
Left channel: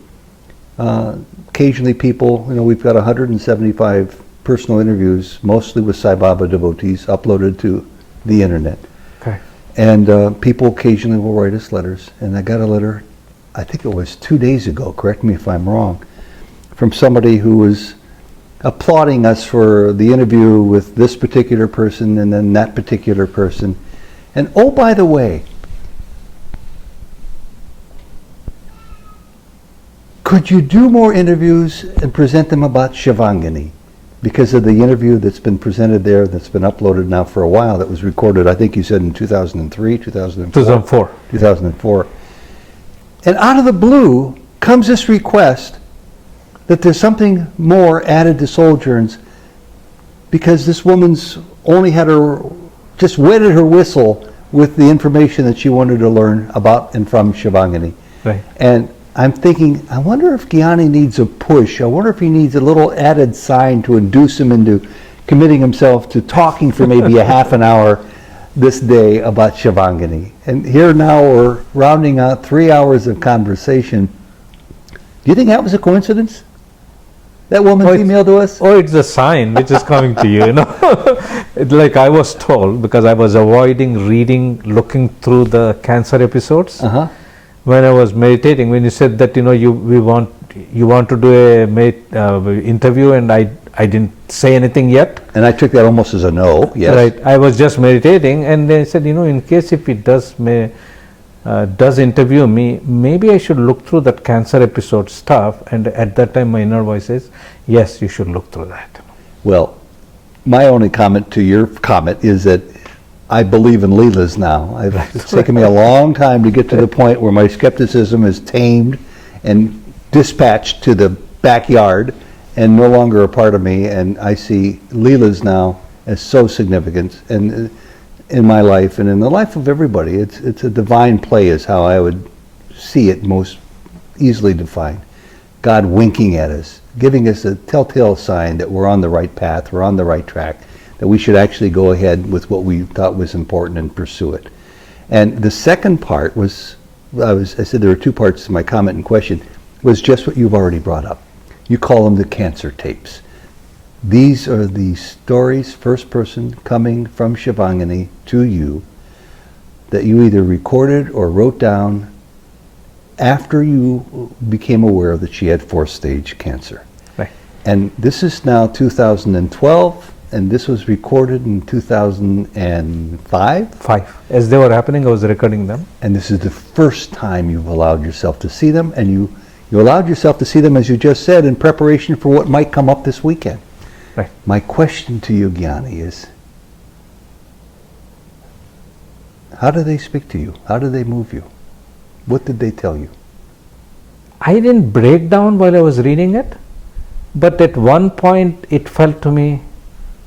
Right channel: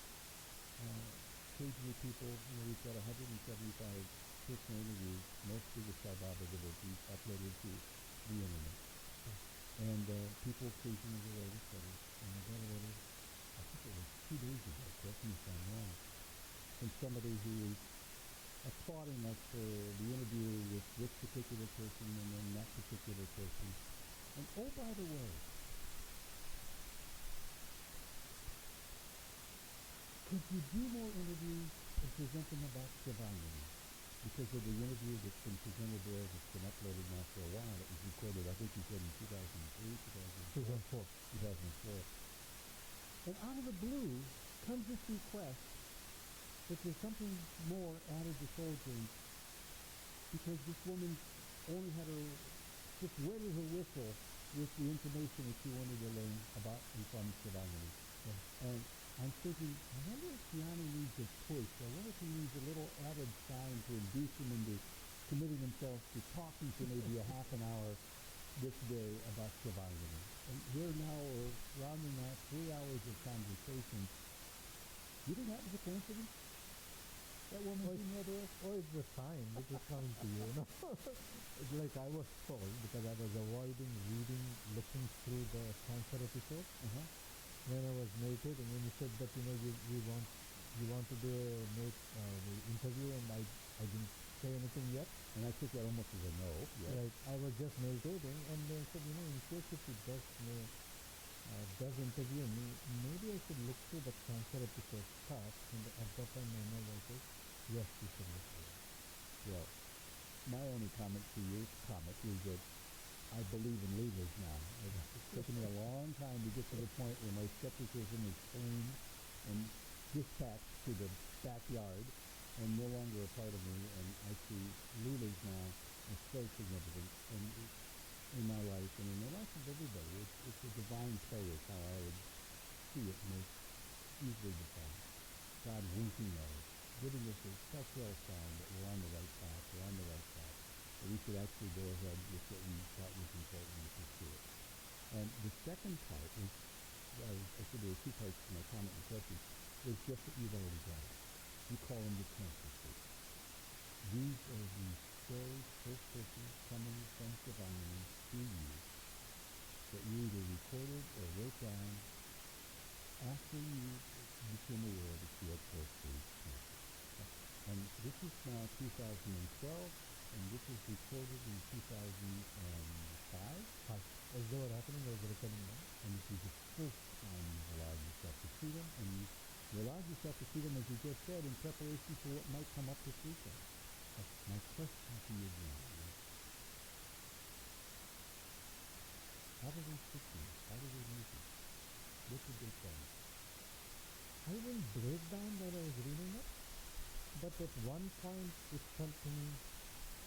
Occasionally people, we've got 175 personal interviews, mostly with Sai Baba devotees, uploaded to the internet. Okay. And people occasionally will write us letters. And I got a letter, I think it was 2 days ago, correct me if I'm wrong, from somebody who was applauding us for the interview with this particular person and then that particular person. And oh, by the way, could you do more interviews and present them about Shivangini? Because of the interview that's been presented there, that's been uploaded now for a while, that was recorded, I think you said in 2003, 2004. 2004. And out of the blue comes this request that there's something more added to Souljourns, because this woman's only had just wetted her whistle with the information that she wanted to learn about and from Shivangini. Right. And I'm thinking, I wonder if Gyani needs a push. I wonder if he needs a little added sign to induce him into committing himself to talking for maybe a half an hour this day about Shivangini. And here now we're rounding out 3 hours of conversation. Do you think that was a coincidence? That woman's email to us? Oh, it's a sign which is coming to you, It's like I was told, because I was avoiding reading, looking through the cancer episodes. When I was meditating, when you said that, you want to do a interview, and I didn't say anything yet. And I took that almost as a no, yes. Right. I was just meditating, and they said, in case if he does interview me, maybe I should look through that cancer episode stuff. And at that time, my inner voice says, yes, you should look through that. Well, my only comment to your comment is that I believe in Leelas now. It's taken me a long time to get to the point where my skepticism is tamed and dispatched to the backyard and no longer a part of me. And I see Leelas now as so significant and in my life and in the life of everybody. It's a divine play is how I would see it most easily defined. God winking at us, giving us a telltale sign that we're on the right path, we're on the right track, that we should actually go ahead with what we thought was important and pursue it. And the second part was, I said there were two parts to my comment and question, was just what you've already brought up. You call them the cancer tapes. These are the stories, first person, coming from Shivangini to you, that you either recorded or wrote down after you became aware that she had 4th stage cancer. Right. And this is now 2012, and this was recorded in 2005? 5. As they were happening, I was recording them. And this is the first time you've allowed yourself to see them, and you allowed yourself to see them, as you just said, in preparation for what might come up this weekend. Right. My question to you, Gyani, is how do they speak to you? How do they move you? What did they tell you? I didn't break down while I was reading it, but at one point it felt to me,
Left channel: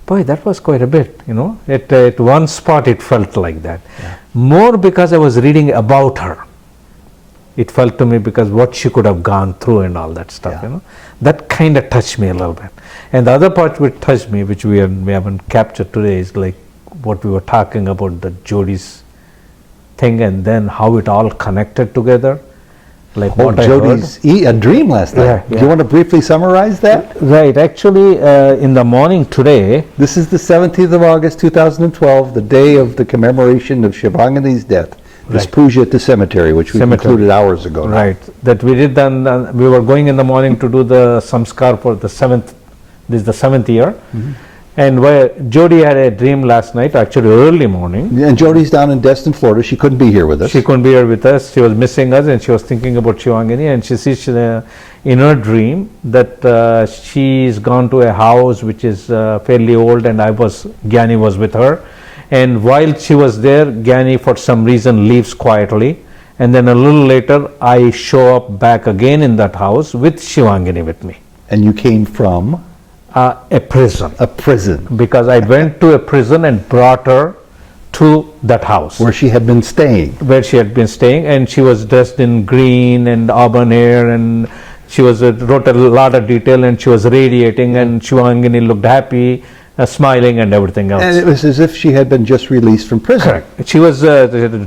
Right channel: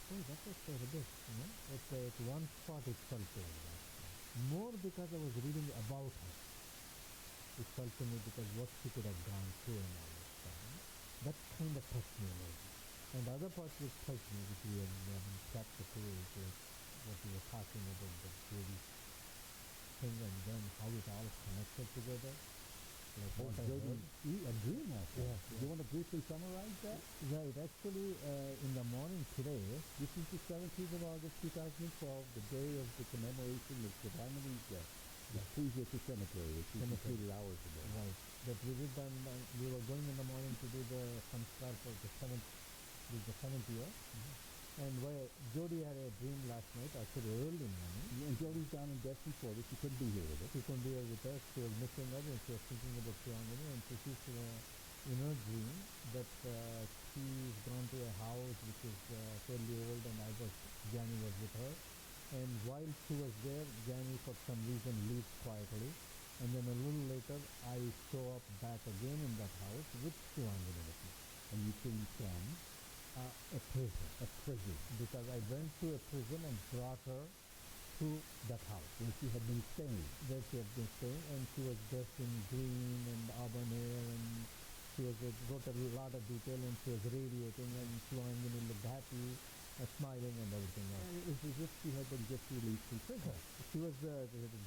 boy, that was quite a bit, At one spot it felt like that. Yeah. More because I was reading about her. It felt to me because what she could have gone through and all that stuff, That kind of touched me a little bit. And the other part which touched me, which we haven't captured today, is like what we were talking about, the Jodi's thing, and then how it all connected together. Like what Jodi's a dream last night. Yeah. Do you want to briefly summarize that? Right. Actually, in the morning today. This is the 17th of August, 2012, the day of the commemoration of Shivangini's death. This Right. puja at the cemetery, which we Cemetery. concluded hours ago. now. Right. That we did then, we were going in the morning to do the samskar for the seventh, this is the 7th year. And where Jody had a dream last night, actually early morning. And Jody's down in Destin, Florida. She couldn't be here with us. She couldn't be here with us. She was missing us, and she was thinking about Shivangini, and she sees in her dream that she's gone to a house which is fairly old, and Gyani was with her. And while she was there, Gyani for some reason leaves quietly, and then a little later I show up back again in that house with Shivangini with me. And you came from A prison. a prison Because I went to a prison and brought her to that house. where she had been staying. Where she had been staying, and she was dressed in green and auburn hair, and she was wrote a lot of detail, and she was radiating, and Shivangini looked happy, smiling and everything else. And it was as if she had been just released from prison. Correct. She was,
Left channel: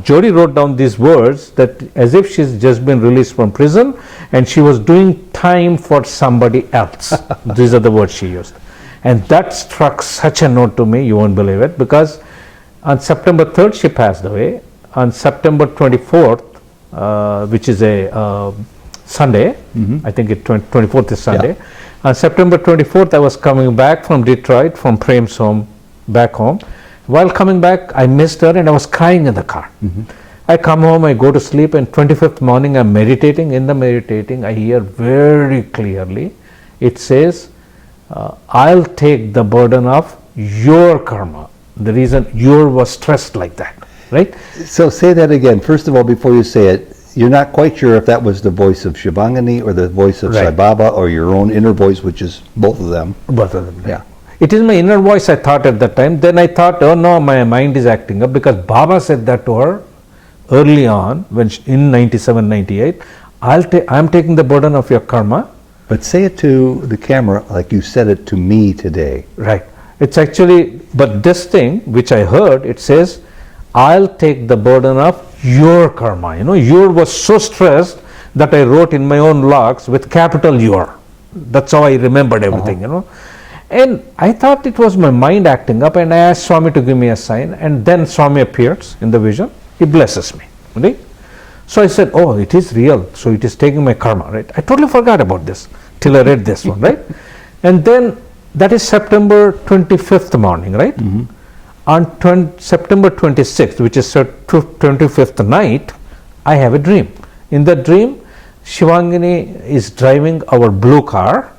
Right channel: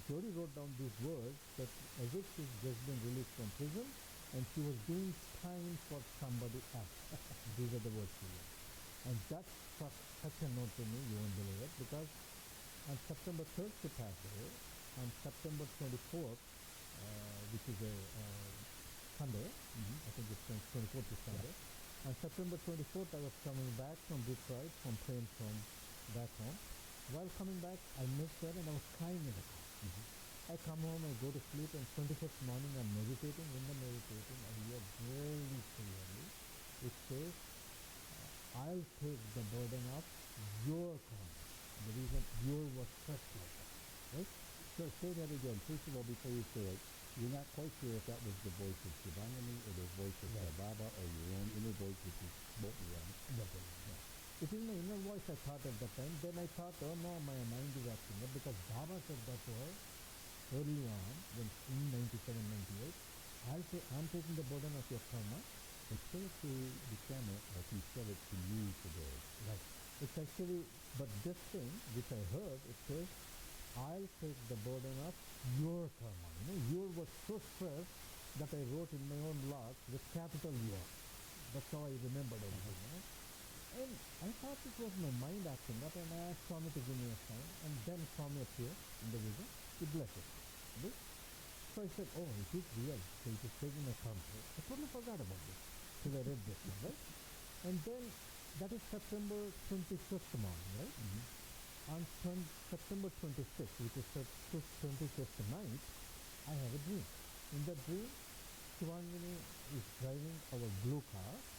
Jody wrote down these words that as if she's just been released from prison and she was doing time for somebody else. These are the words she used. And that struck such a note to me, you won't believe it, because on September 3rd she passed away. On September 24th, which is a Sunday, I think 24th is Sunday. Yeah. On September 24th, I was coming back from Detroit, from Prem's home, back home. While coming back, I missed her and I was crying in the car. I come home, I go to sleep, and 25th morning I'm meditating. In the meditating, I hear very clearly, it says, I'll take the burden of your karma. The reason you was stressed like that, right? So say that again. First of all, before you say it, you're not quite sure if that was the voice of Shivangini or the voice of Sai Right. Baba or your own inner voice, which is both of them. Both of them. Yeah. It is my inner voice, I thought at that time. Then I thought, oh no, my mind is acting up, because Baba said that to her early on, when in 97, 98, I'm taking the burden of your karma. But say it to the camera like you said it to me today. Right. It's actually, but this thing which I heard, it says, I'll take the burden of your karma. You know, your was so stressed that I wrote in my own logs with capital your. That's how I remembered everything, you know. And I thought it was my mind acting up, and I asked Swami to give me a sign, and then Swami appears in the vision. He blesses me. Right? So I said, oh, it is real. So it is taking my karma, right? I totally forgot about this till I read this one, right? And then that is September 25th morning, right? On September 26th, which is 25th night, I have a dream. In that dream, Shivangini is driving our blue car.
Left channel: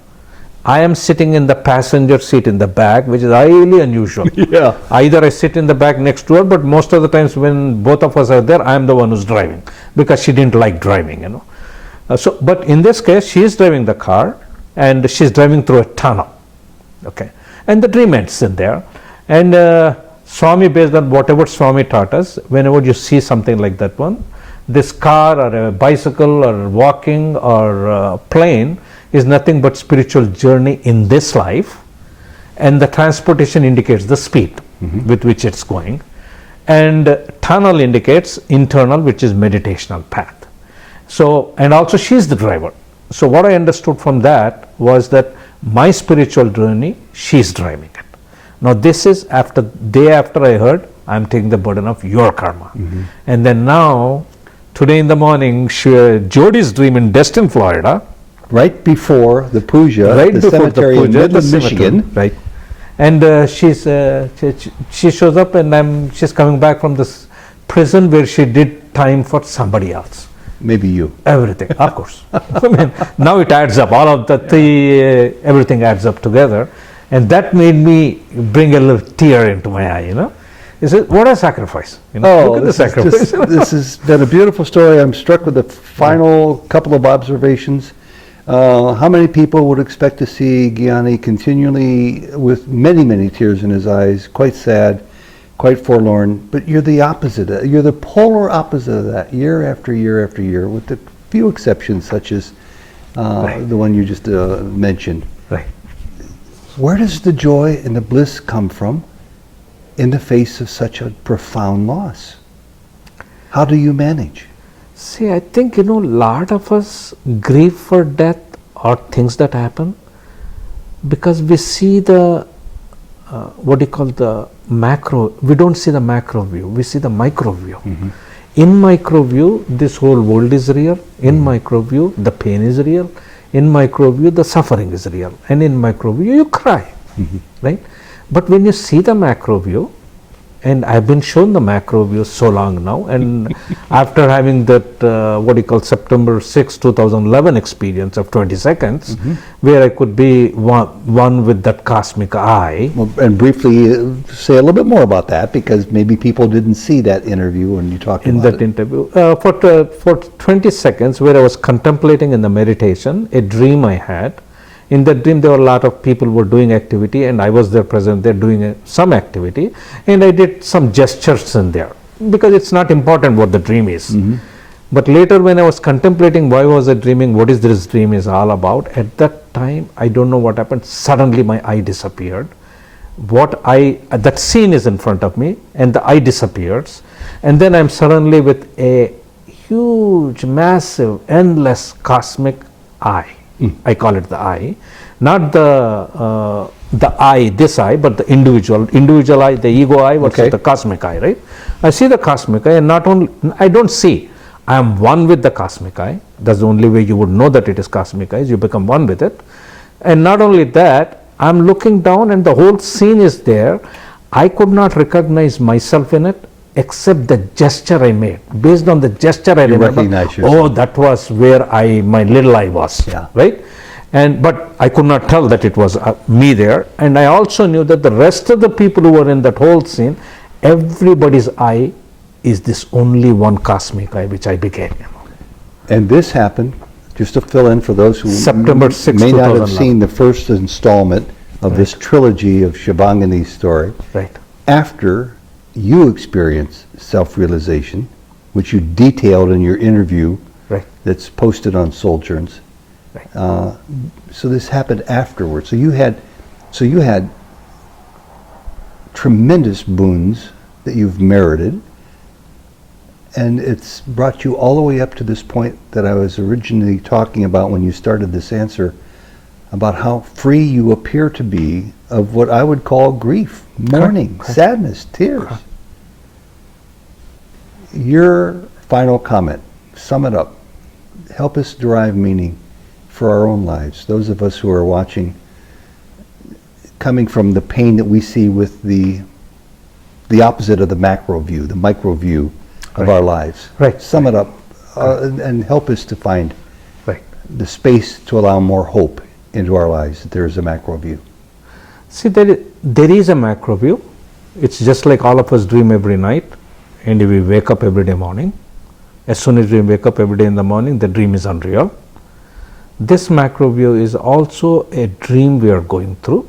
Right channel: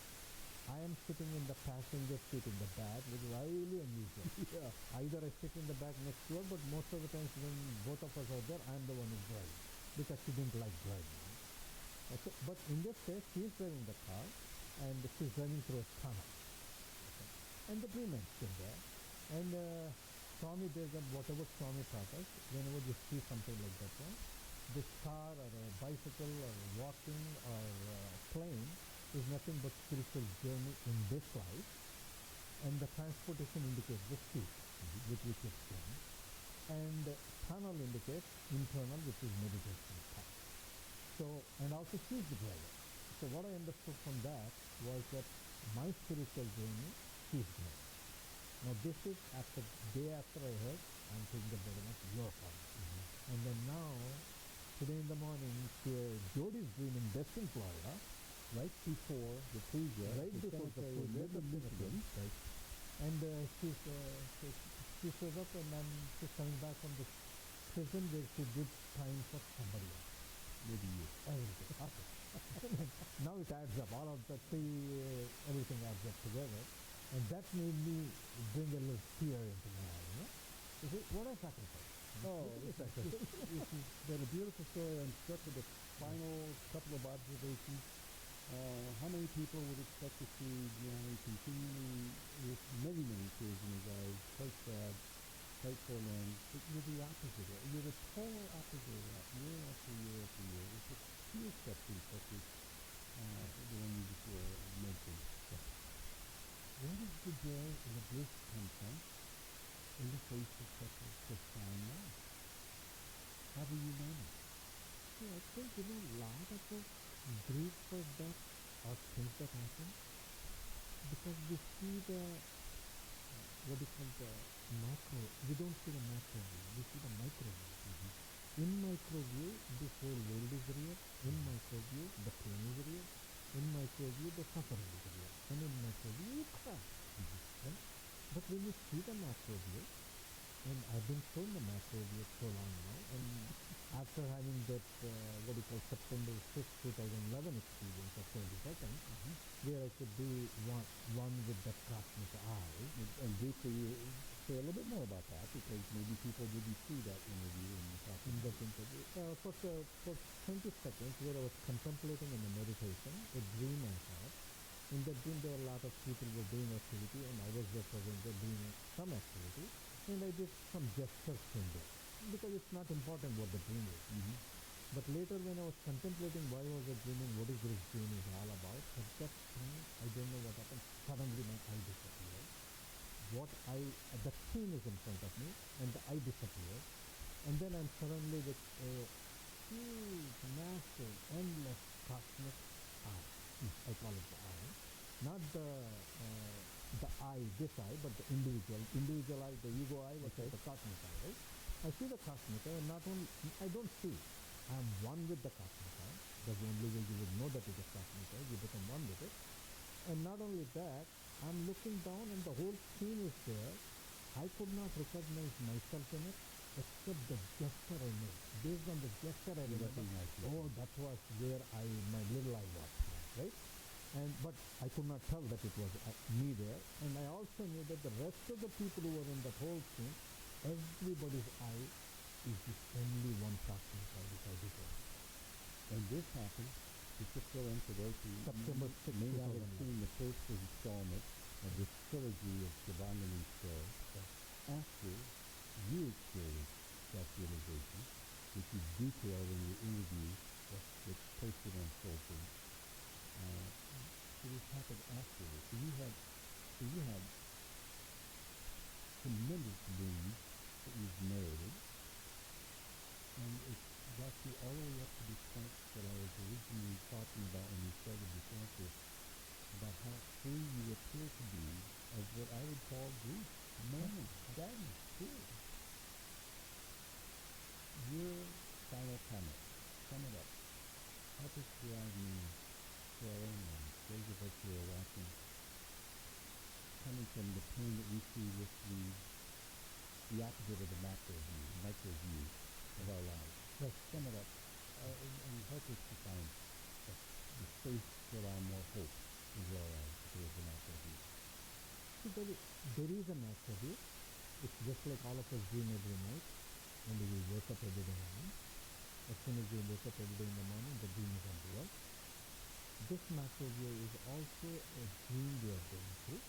I am sitting in the passenger seat in the back, which is highly unusual. Yeah. Either I sit in the back next to her, but most of the times when both of us are there, I am the one who's driving, because she didn't like driving, you know. But in this case, she is driving the car, and she's driving through a tunnel. Okay, and the dream ends in there. And Swami, based on whatever Swami taught us, whenever you see something like that one, this car or a bicycle or walking or a plane is nothing but spiritual journey in this life, and the transportation indicates the speed with which it's going, and tunnel indicates internal, which is meditational path. So, and also she's the driver. So what I understood from that was that my spiritual journey, she's driving it. Now this is day after I heard, I'm taking the burden of your karma. And then now, today in the morning, Jody's dream in Destin, Florida. Right before the puja, Right the before cemetery the in puja, Midland, Michigan. Right. And she shows up, and she's coming back from this prison where she did time for somebody else. Maybe you. Everything, of course. I mean, now it adds up. All of everything adds up together, and that made me bring a little tear into my eye. You know, he said, "What a sacrifice!" You know, look at the sacrifice. This has been a beautiful story. I'm struck with the final couple of observations. How many people would expect to see Gyani continually with many, many tears in his eyes, quite sad, quite forlorn? But you're the opposite. You're the polar opposite of that, year after year after year, with a few exceptions, such as the one you just mentioned. Right. Where does the joy and the bliss come from in the face of such a profound loss? How do you manage? See, I think, a lot of us grieve for death or things that happen because we see the, the macro, we don't see the macro view, we see the micro view. In micro view, this whole world is real. In micro view, the pain is real. In micro view, the suffering is real. And in micro view, you cry, right? But when you see the macro view, and I've been shown the macro view so long now, and after having that what you call September 6, 2011 experience of 20 seconds, where I could be one with that cosmic eye. Well, and briefly say a little bit more about that, because maybe people didn't see that interview when you talked In about that it. interview, for 20 seconds, where I was contemplating in the meditation a dream I had. In that dream, there were a lot of people were doing activity, and I was there present there doing some activity, and I did some gestures in there, because it's not important what the dream is. But later, when I was contemplating why was I dreaming, what is this dream is all about, at that time, I don't know what happened, suddenly my eye disappeared. That scene is in front of me, and the eye disappears, and then I'm suddenly with a huge, massive, endless cosmic eye. I call it the eye, not the eye, this eye, but the individual eye, the ego eye versus the cosmic eye, right? I see the cosmic eye, and not only, I don't see, I am one with the cosmic eye. That's the only way you would know that it is cosmic eye, is you become one with it. And not only that, I'm looking down and the whole scene is there. I could not recognize myself in it, except the gesture I made. Based on the gesture, I remember, recognize yourself. oh, that was where my little eye was, right? But I could not tell that it was me there. And I also knew that the rest of the people who were in that whole scene, everybody's eye is this only one cosmic eye, which I became. And this happened, just to fill in for those who September 6, may not have 2011. seen the first installment of this trilogy of Shivangani's story, Right. after you experienced self-realization, which you detailed in your interview Right. that's posted on Souljourns. Right. So this happened afterwards. So you had tremendous boons that you've merited, and it's brought you all the way up to this point that I was originally talking about when you started this answer, about how free you appear to be of what I would call grief, mourning, sadness, tears. Your final comment, sum it up. Help us derive meaning for our own lives, those of us who are watching, coming from the pain that we see with the opposite of the macro view, the micro view of our lives. Right. Sum it up and help us to find Right. the space to allow more hope into our lives, that there is a macro view. See, there is a macro view. It's just like all of us dream every night, and we wake up every day morning. As soon as we wake up every day in the morning, the dream is unreal. This macro view is also a dream we are going through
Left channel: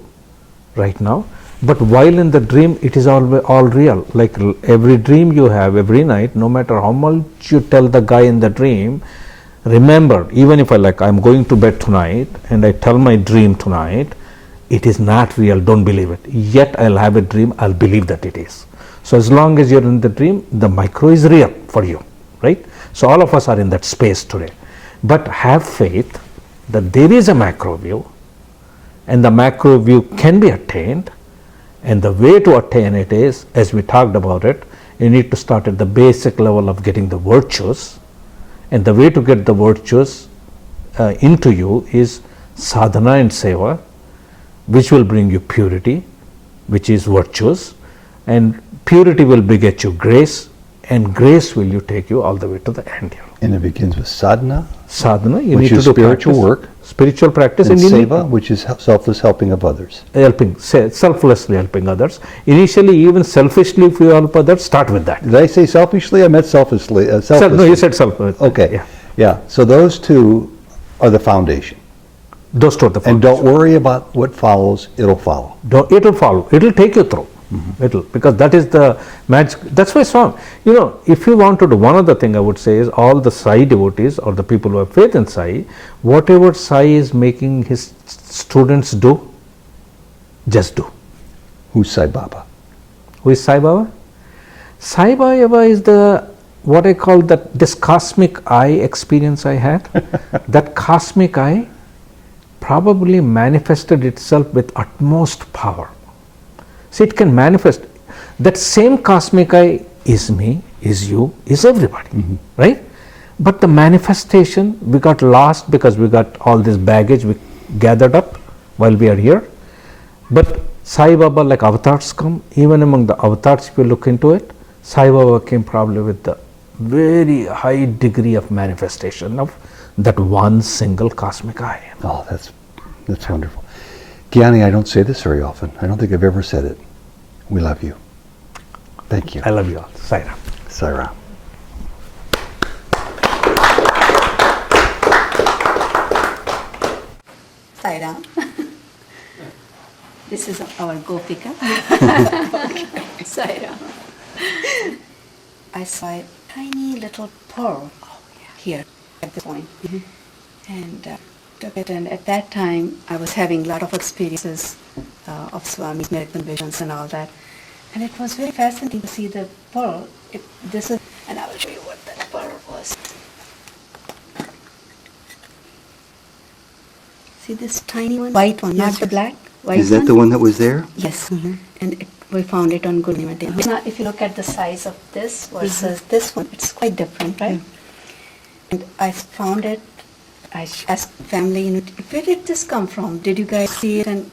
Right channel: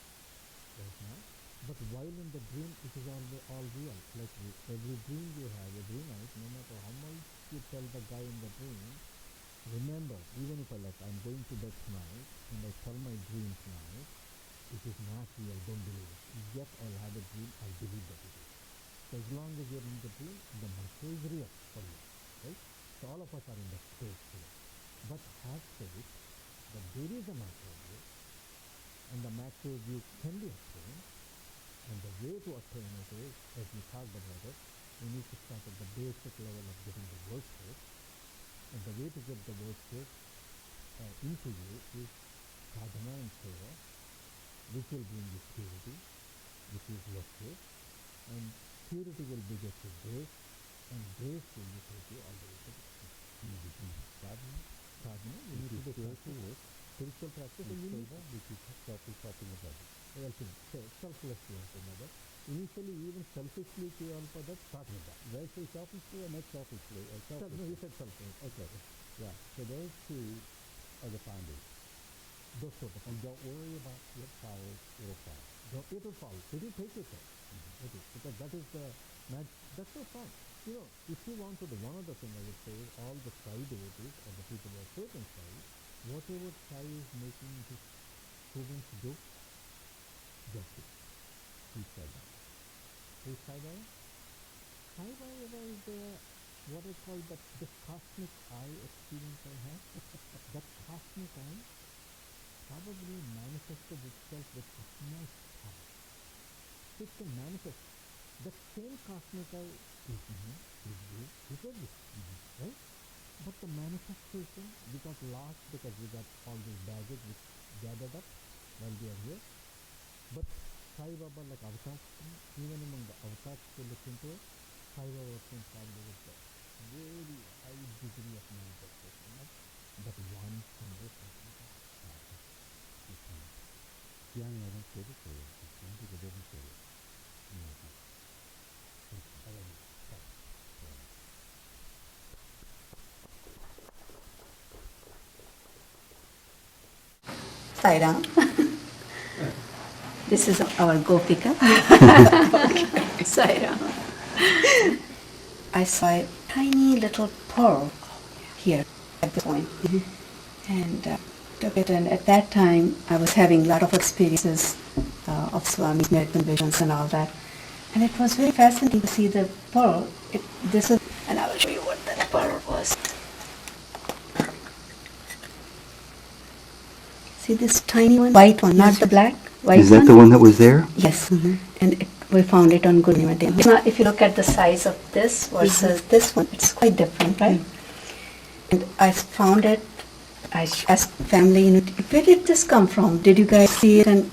right now. But while in the dream, it is all real. Like every dream you have every night, no matter how much you tell the guy in the dream, remember, even if I'm going to bed tonight and I tell my dream tonight, it is not real, don't believe it. Yet I'll have a dream, I'll believe that it is. So as long as you're in the dream, the micro is real for you, right? So all of us are in that space today. But have faith that there is a macro view, and the macro view can be attained, and the way to attain it is, as we talked about it, you need to start at the basic level of getting the virtues, and the way to get the virtues into you is sadhana and seva, which will bring you purity, which is virtues, and purity will beget you grace, and grace will take you all the way to the end here. And it begins with sadhana, Sadhana, you which need is to do spiritual practice, work, spiritual practice, and you need seva, which is selfless helping of others. selflessly helping others. Initially, even selfishly, if you help others, start with that. Did I say selfishly? I meant selflessly. Selflessly. No, you said self. Okay. Yeah. So those two are the foundation. Those two are the And foundation. don't worry about what follows, it'll follow. It will follow. It will take you through. It'll, because that is the magic. That's why song. If you want to do, one other thing I would say is, all the Sai devotees or the people who have faith in Sai, whatever Sai is making his students do, just do. Who's Sai Baba? Who is Sai Baba? Sai Baba is what I call this cosmic eye experience I had. That cosmic eye probably manifested itself with utmost power. See, it can manifest. That same cosmic eye is me, is you, is everybody, right? But the manifestation, we got lost because we got all this baggage we gathered up while we are here. But Sai Baba, like avatars come, even among the avatars, if you look into it, Sai Baba came probably with the very high degree of manifestation of that one single cosmic I. Oh, that's wonderful. Gyani, I don't say this very often. I don't think I've ever said it. We love you. Thank you. I love you all. Sai Ram. Sai Ram. Sai Ram. This is our Gopika. Sai Ram. I saw a tiny little pearl here at this point. And took it, and at that time I was having a lot of experiences of Swami's miracle visions and all that. And it was very fascinating to see the pearl. And I will show you what that pearl was. See this tiny one? White one, not the black. White Is that one? the one that was there? Yes. And we found it on Gurniva Day. Now, if you look at the size of this versus this one, it's quite different, right? And I found it. I asked family, where did this come from? Did you guys see it? And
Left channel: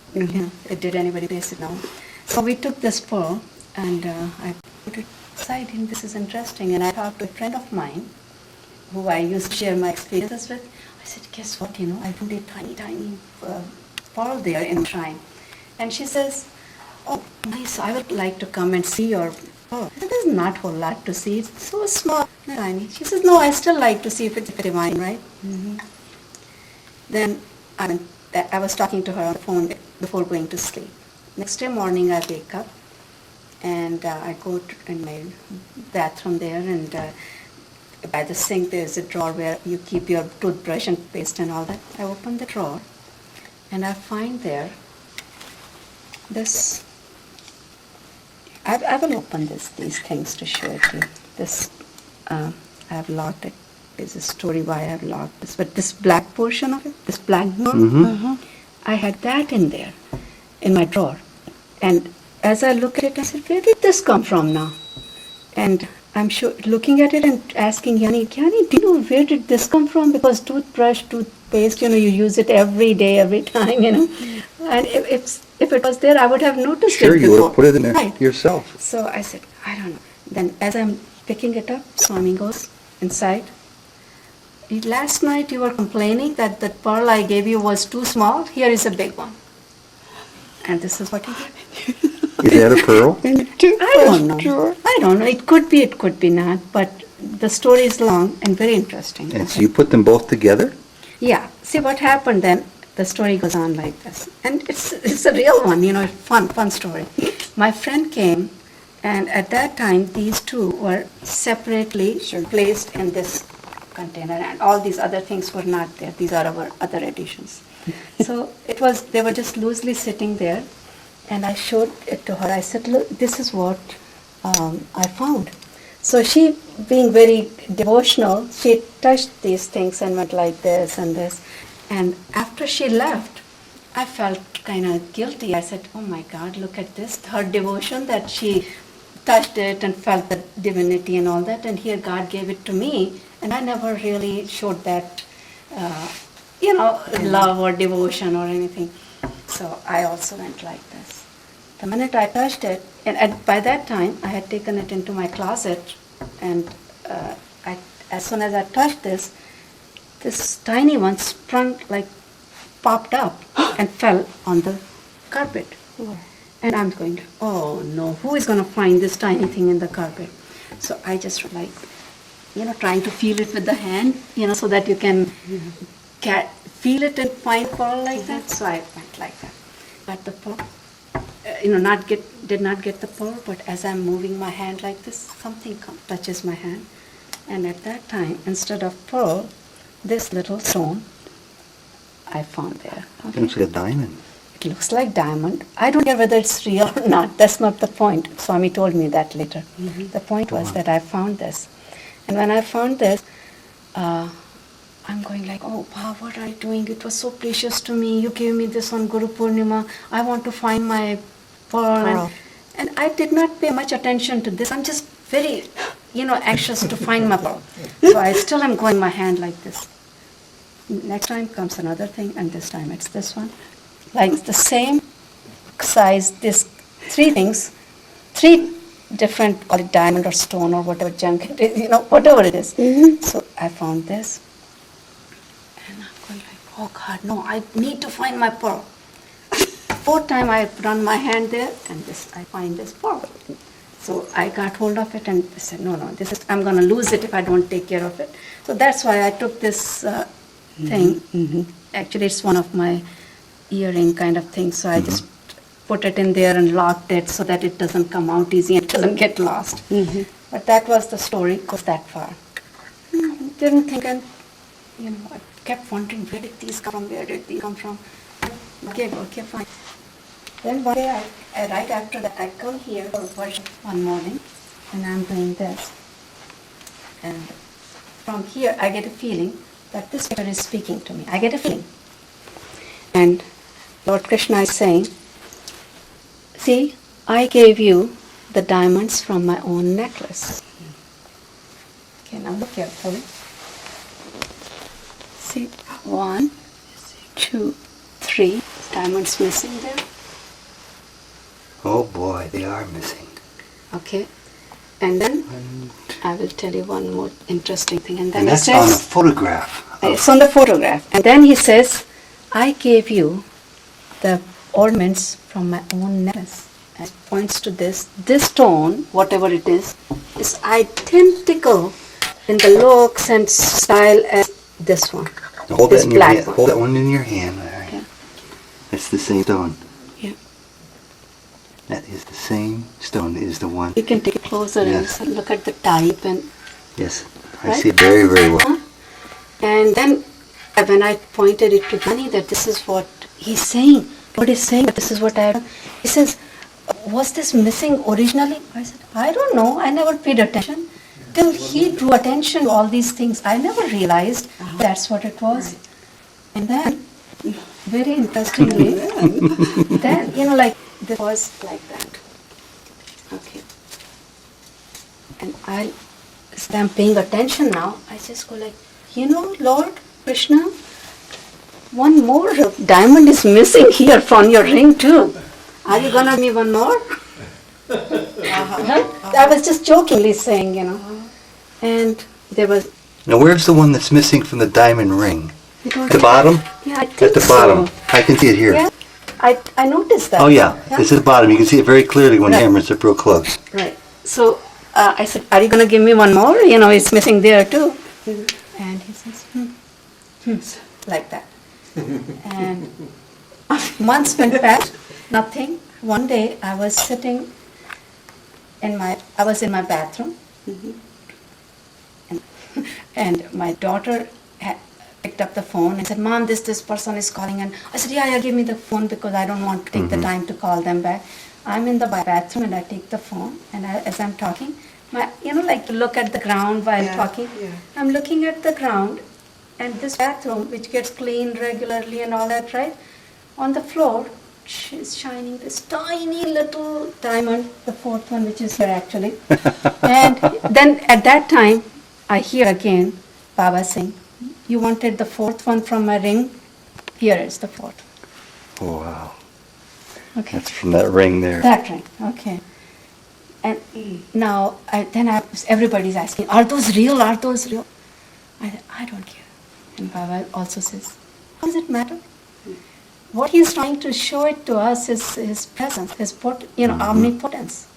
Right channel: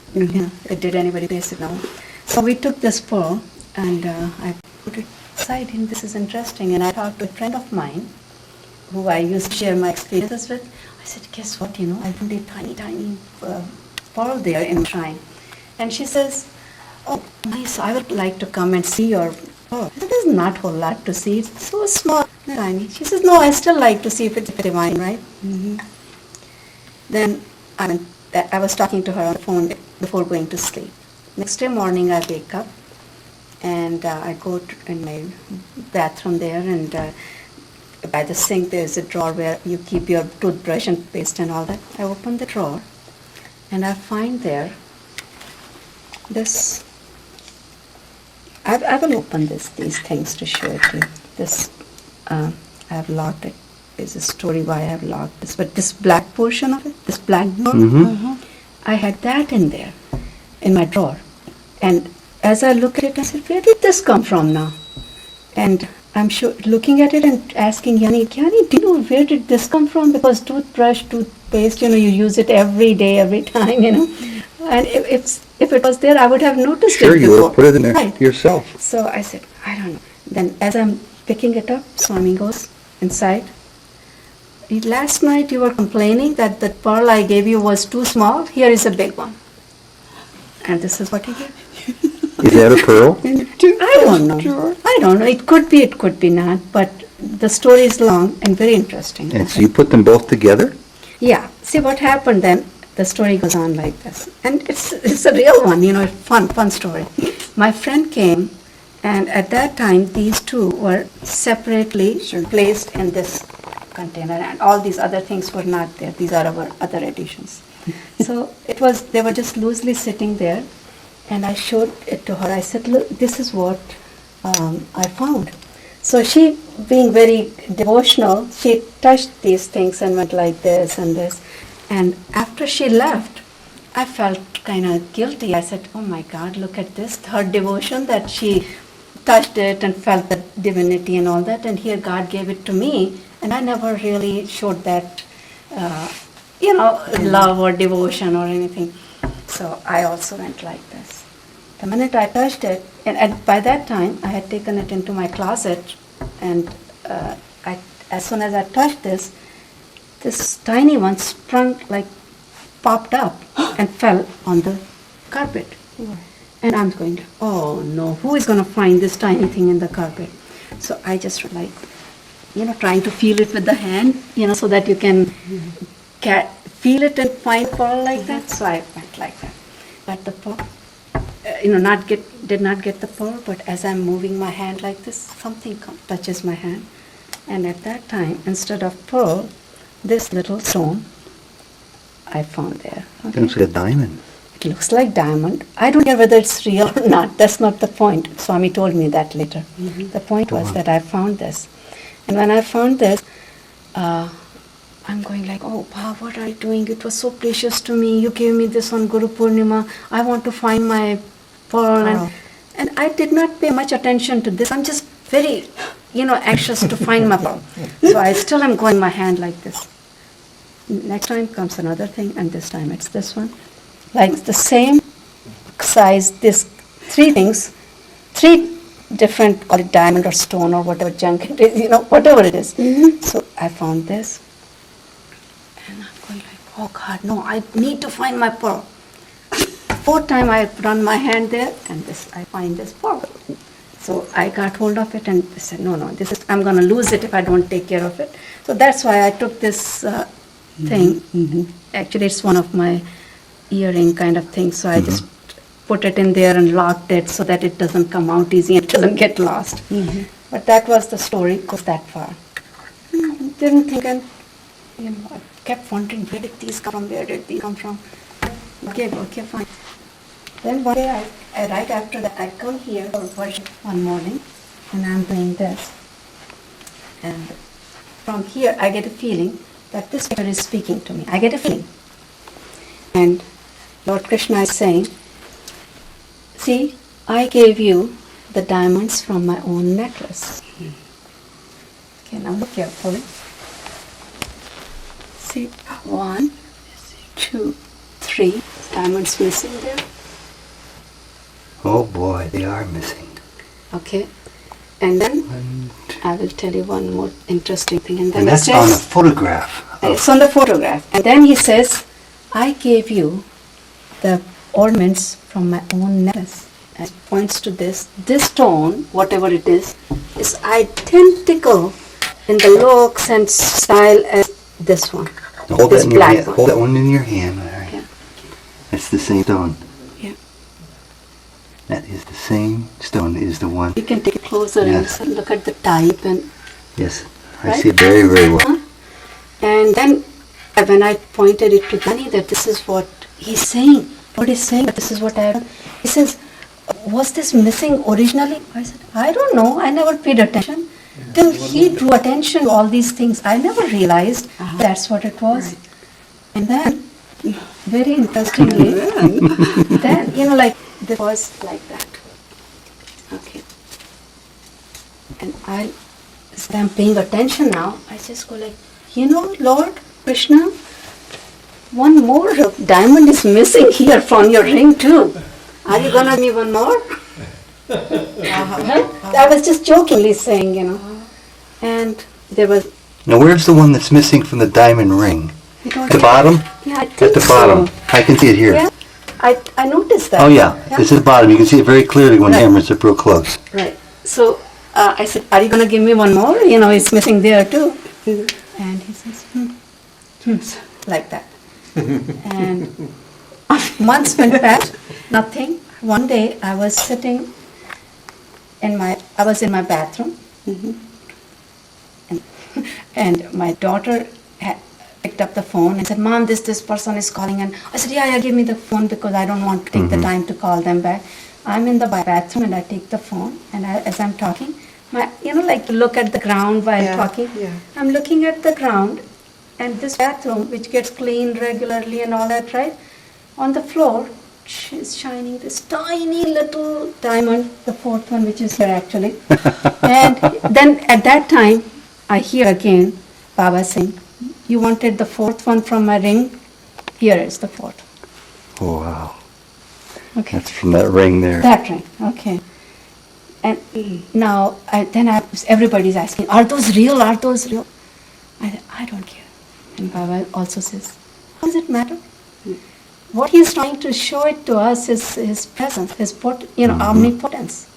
did anybody place it? No. So we took this pearl and I put it aside. And this is interesting. And I talked to a friend of mine who I used to share my experiences with. I said, guess what? I found a tiny, tiny pearl there in the shrine. And she says, oh, nice. I would like to come and see your pearl. I said, there's not a whole lot to see. It's so small, tiny. She says, no, I still like to see if it's divine, right? Then I was talking to her on the phone before going to sleep. Next day morning I wake up and I go in my bathroom there, and by the sink there's a drawer where you keep your toothbrush and paste and all that. I open the drawer and I find there this. I will open these things to show it to you. This I have locked it. There's a story why I have locked this, but this black portion of it, this black drawer, I had that in there, in my drawer. And as I look at it, I said, where did this come from now? And I'm sure, looking at it and asking Gyani, do you know where did this come from? Because toothbrush, toothpaste, you use it every day, every time, And if it was there, I would have noticed it before. Sure, you would have put it in there yourself. So I said, I don't know. Then as I'm picking it up, Swami goes inside. Last night you were complaining that the pearl I gave you was too small. Here is a big one. And this is what he gave me. Is that a pearl? I don't know. I don't know. It could be not. But the story is long and very interesting. And so you put them both together? Yeah. See what happened then. The story goes on like this. And it's a real one, fun story. My friend came, and at that time these two were separately placed in this container, and all these other things were not there. These are our other editions. So they were just loosely sitting there, and I showed it to her. I said, look, this is what I found. So she, being very devotional, she touched these things and went like this and this. And after she left, I felt kind of guilty. I said, oh my God, look at this, her devotion, that she touched it and felt the divinity and all that, and here God gave it to me. And I never really showed that, love or devotion or anything. So I also went like this. The minute I touched it, and by that time I had taken it into my closet, and as soon as I touched this tiny one sprung, popped up and fell on the carpet. And I'm going, oh no, who is going to find this tiny thing in the carpet? So I just trying to feel it with the hand, so that you can feel it and find pearl like that. So I went like that. Got the pearl, did not get the pearl, but as I'm moving my hand like this, something touches my hand. And at that time, instead of pearl, this little stone I found there. It looks like a diamond. It looks like diamond. I don't care whether it's real or not. That's not the point. Swami told me that later. The point was that I found this. And when I found this, I'm going like, oh, wow, what are you doing? It was so precious to me. You gave me this on Guru Purnima. I want to find my pearl. And I did not pay much attention to this. I'm just very anxious to find my pearl. So I still am going my hand like this. Next time comes another thing, and this time it's this one. Like the same size, this three things, three different, call it diamond or stone or whatever junk it is, whatever it is. So I found this. And I'm going like, oh God, no, I need to find my pearl. Fourth time I run my hand there, and I find this pearl. So I got hold of it and said, no, I'm going to lose it if I don't take care of it. So that's why I took this thing. Actually, it's one of my earring kind of things. So I just put it in there and locked it so that it doesn't come out easy and it doesn't get lost. But that was the story, goes that far. Didn't think, and I kept wondering, where did these come from? Where did these come from? Okay, fine. Then one day, right after that, I come here for worship one morning, and I'm doing this. And from here, I get a feeling that this picture is speaking to me. I get a feeling. And Lord Krishna is saying, see, I gave you the diamonds from my own necklace. Okay, now look carefully. See, 1, 2, 3 diamonds missing there. Oh boy, they are missing. Okay, and then I will tell you one more interesting thing. And then that's he says, on a photograph. It's on the photograph. And then he says, I gave you the ornaments from my own necklace. And it points to this. This stone, whatever it is identical in the looks and style as this one. Hold this that in your black hand. one. Hold that one in your hand. All right. Yeah. That's the same stone. Yeah. That is the same stone. It is the one. You can take it closer Yes. and look at the type and. Yes, I Right? see it very, very well. And then when I pointed it to Gyani that this is what he's saying, what he's saying, that this is what I have done. He says, was this missing originally? I said, I don't know. I never paid attention. Till he drew attention to all these things, I never realized that's what it was. Right. And then, very interestingly, then, like, this was like that. Okay. And I'm paying attention now. I just go like, Lord Krishna, one more diamond is missing here from your ring too. Are you gonna give me one more? I was just jokingly saying, and there was. Now, where's the one that's missing from the diamond ring? At the bottom? Yeah, I think At the bottom. so. I can see it here. Yeah, I noticed that. Oh yeah, this is the bottom. You can see it very clearly when hammers are real close. Right. So I said, are you going to give me one more? It's missing there too. And he says, like that. And months went past, nothing. One day I was sitting in my bathroom, and my daughter had picked up the phone and said, Mom, this person is calling. And I said, yeah, give me the phone because I don't want to take the time to call them back. I'm in the bathroom and I take the phone, and as I'm talking, like to look at the ground while talking. Yeah. I'm looking at the ground, and this bathroom, which gets cleaned regularly and all that, right? On the floor, is shining this tiny little diamond, the fourth one, which is here actually. And then at that time, I hear again Baba saying, you wanted the fourth one from my ring? Here is the fourth. Oh, wow. Okay. That's from that ring there. That ring, okay. And now, everybody's asking, are those real? Are those real? I don't care. And Baba also says, what does it matter? What he's trying to show it to us is his presence, his omnipotence.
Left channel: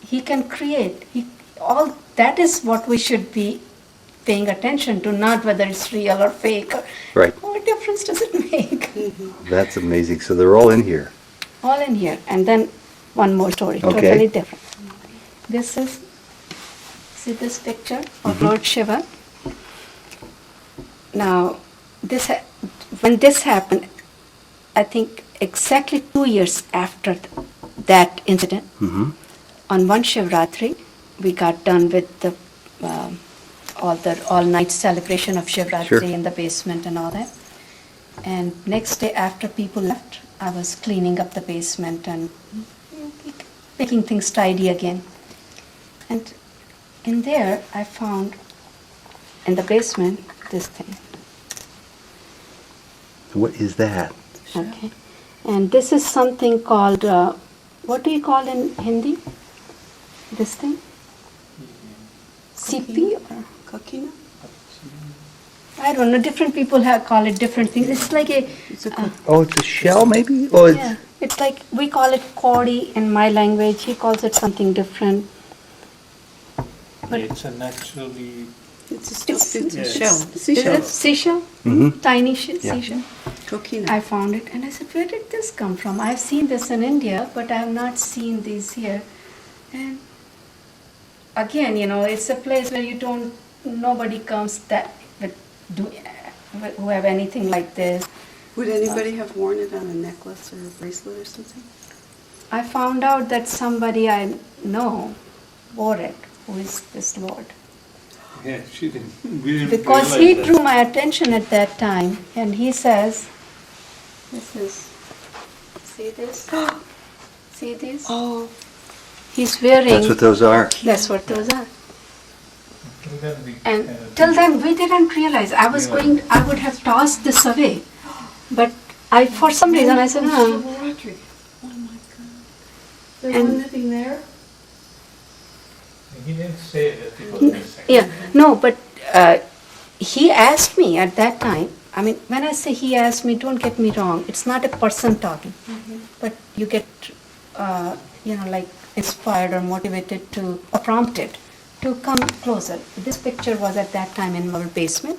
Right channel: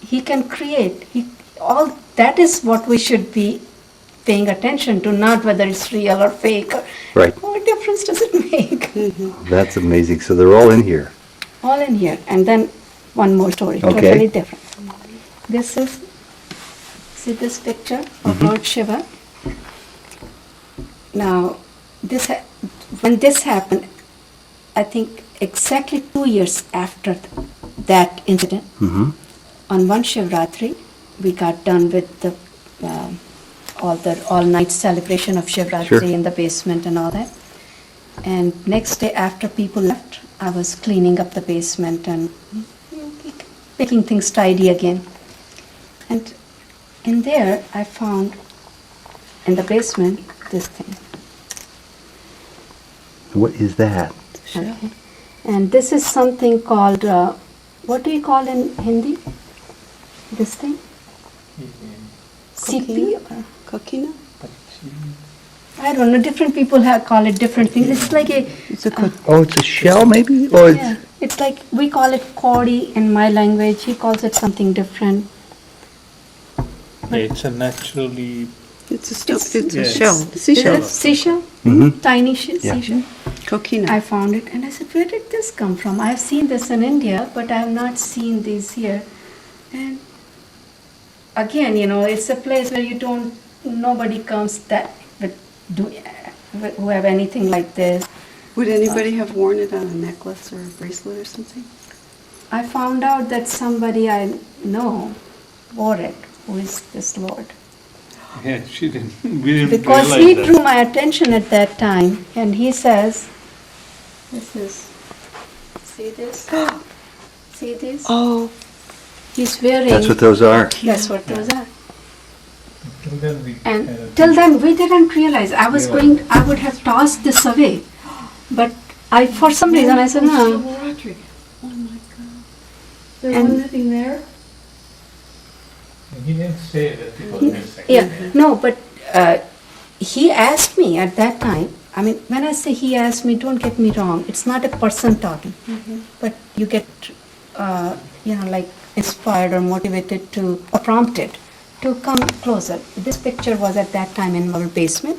He can create. All that is what we should be paying attention to, not whether it's real or fake. Right. What difference does it make? That's amazing. So they're all in here. All in here. And then one more story, Okay. totally different. See this picture of Lord Shiva? Now, when this happened, I think exactly 2 years after that incident, on one Shivratri, we got done with the all-night celebration of Shivratri in the basement and all that. And next day after people left, I was cleaning up the basement and making things tidy again. And in there I found in the basement this thing. What is that? Okay. And this is something called, what do you call in Hindi? This thing? CP? Coquina? I don't know, different people call it different things. It's like a, It's a Oh, it's a shell maybe? Oh, yeah, it's like, we call it Kodi in my language, he calls it something different. It's a naturally it's a stuff. It's a Yes. shell. Is Seashell. it seashell? Tiny seashell? Coquina. I found it and I said, where did this come from? I have seen this in India, but I have not seen these here. And again, it's a place where nobody comes who have anything like this. Would anybody have worn it on a necklace or a bracelet or something? I found out that somebody I know wore it, who is this Lord. yeah. She didn't. We didn't Because realize he that. drew my attention at that time, and he says, see this? See this? Oh, He's wearing, that's what those are. that's what those are. Till then we And kind of till then, we didn't realize. I would have tossed this away. But for some reason, I said, no. oh my God. There And- was nothing there? He didn't say that it was missing. Yeah, no, but he asked me at that time. I mean, when I say he asked me, don't get me wrong. It's not a person talking, but you get, like inspired or motivated or prompted to come closer. This picture was at that time in our basement,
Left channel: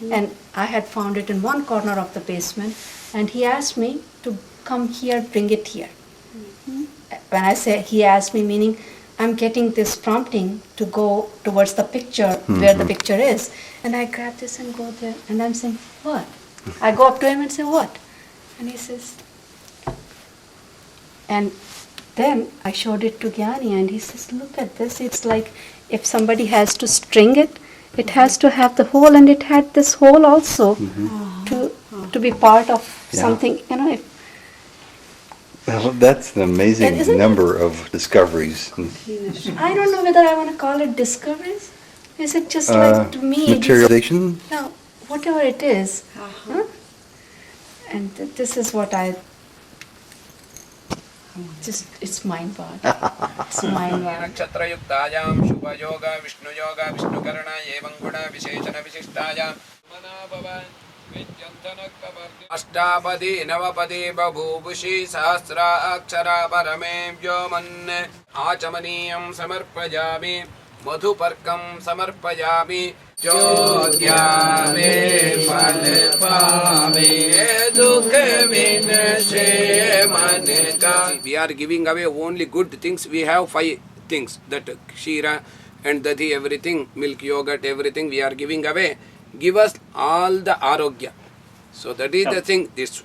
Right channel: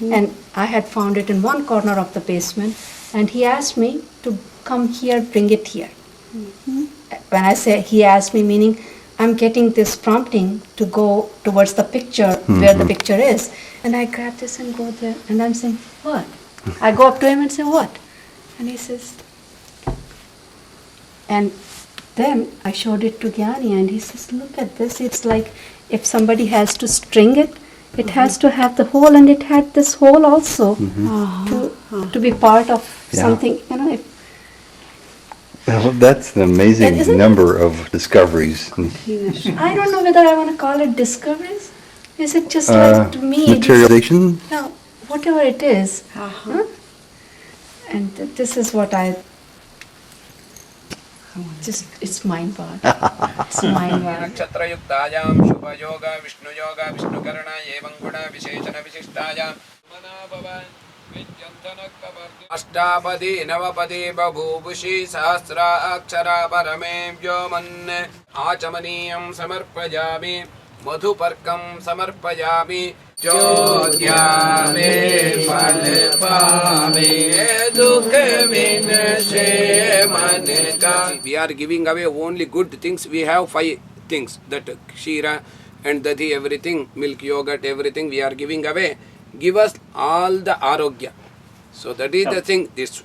and I had found it in one corner of the basement. And he asked me to come here, bring it here. When I say he asked me, meaning I'm getting this prompting to go towards the picture where the picture is. And I grab this and go there. And I'm saying, what? I go up to him and say, what? And he says, and then I showed it to Gyani and he says, look at this. It's like if somebody has to string it, it has to have the hole, and it had this hole also to be part of Yeah. something, if Well, that's an amazing And isn't it- number of discoveries. I don't know whether I want to call it discoveries. Is it just like to me? Materialization? No, whatever it is. Huh? And this is what it's mind-boggling. It's mind-boggling. नक्षत्रयुक्तायां शुभयोग विष्णुयोग विष्णुकर्ण एवं गुण विशेषण विशिष्टायां अष्टापदी नवपदी बभूवुषि सहस्राक्षरा परमे व्योमन् आचमनीयं समर्पयामि मधुपर्कं समर्पयामि चोद्यामे फलपामे दुख विनशे मन का. We are giving away only good things. We have 5 things, that Kshira and Dadhi, everything, milk, yogurt, everything we are giving away. Give us all the arogya. So that is the thing. This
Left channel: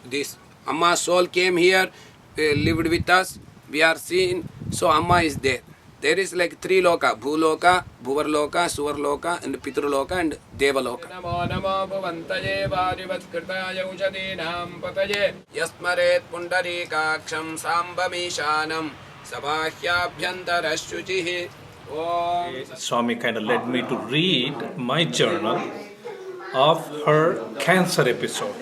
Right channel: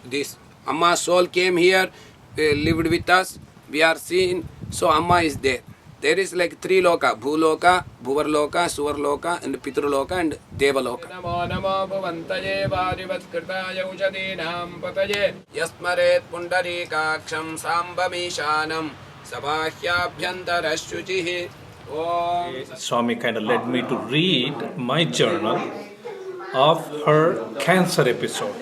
Amma soul came here, lived with us. We are seen. So Amma is there. There is like 3 loka: Bhuloka, Bhuvarloka, Suvarloka, and Pitraloka and Devaloka. Namo namo bhavantaye varivatskritaye ushadinam pataye yasmaret pundarikaksham sambamishanam sabhahyabhyantarashuchihi. Swami kind of led me to read my journal of her cancer episode.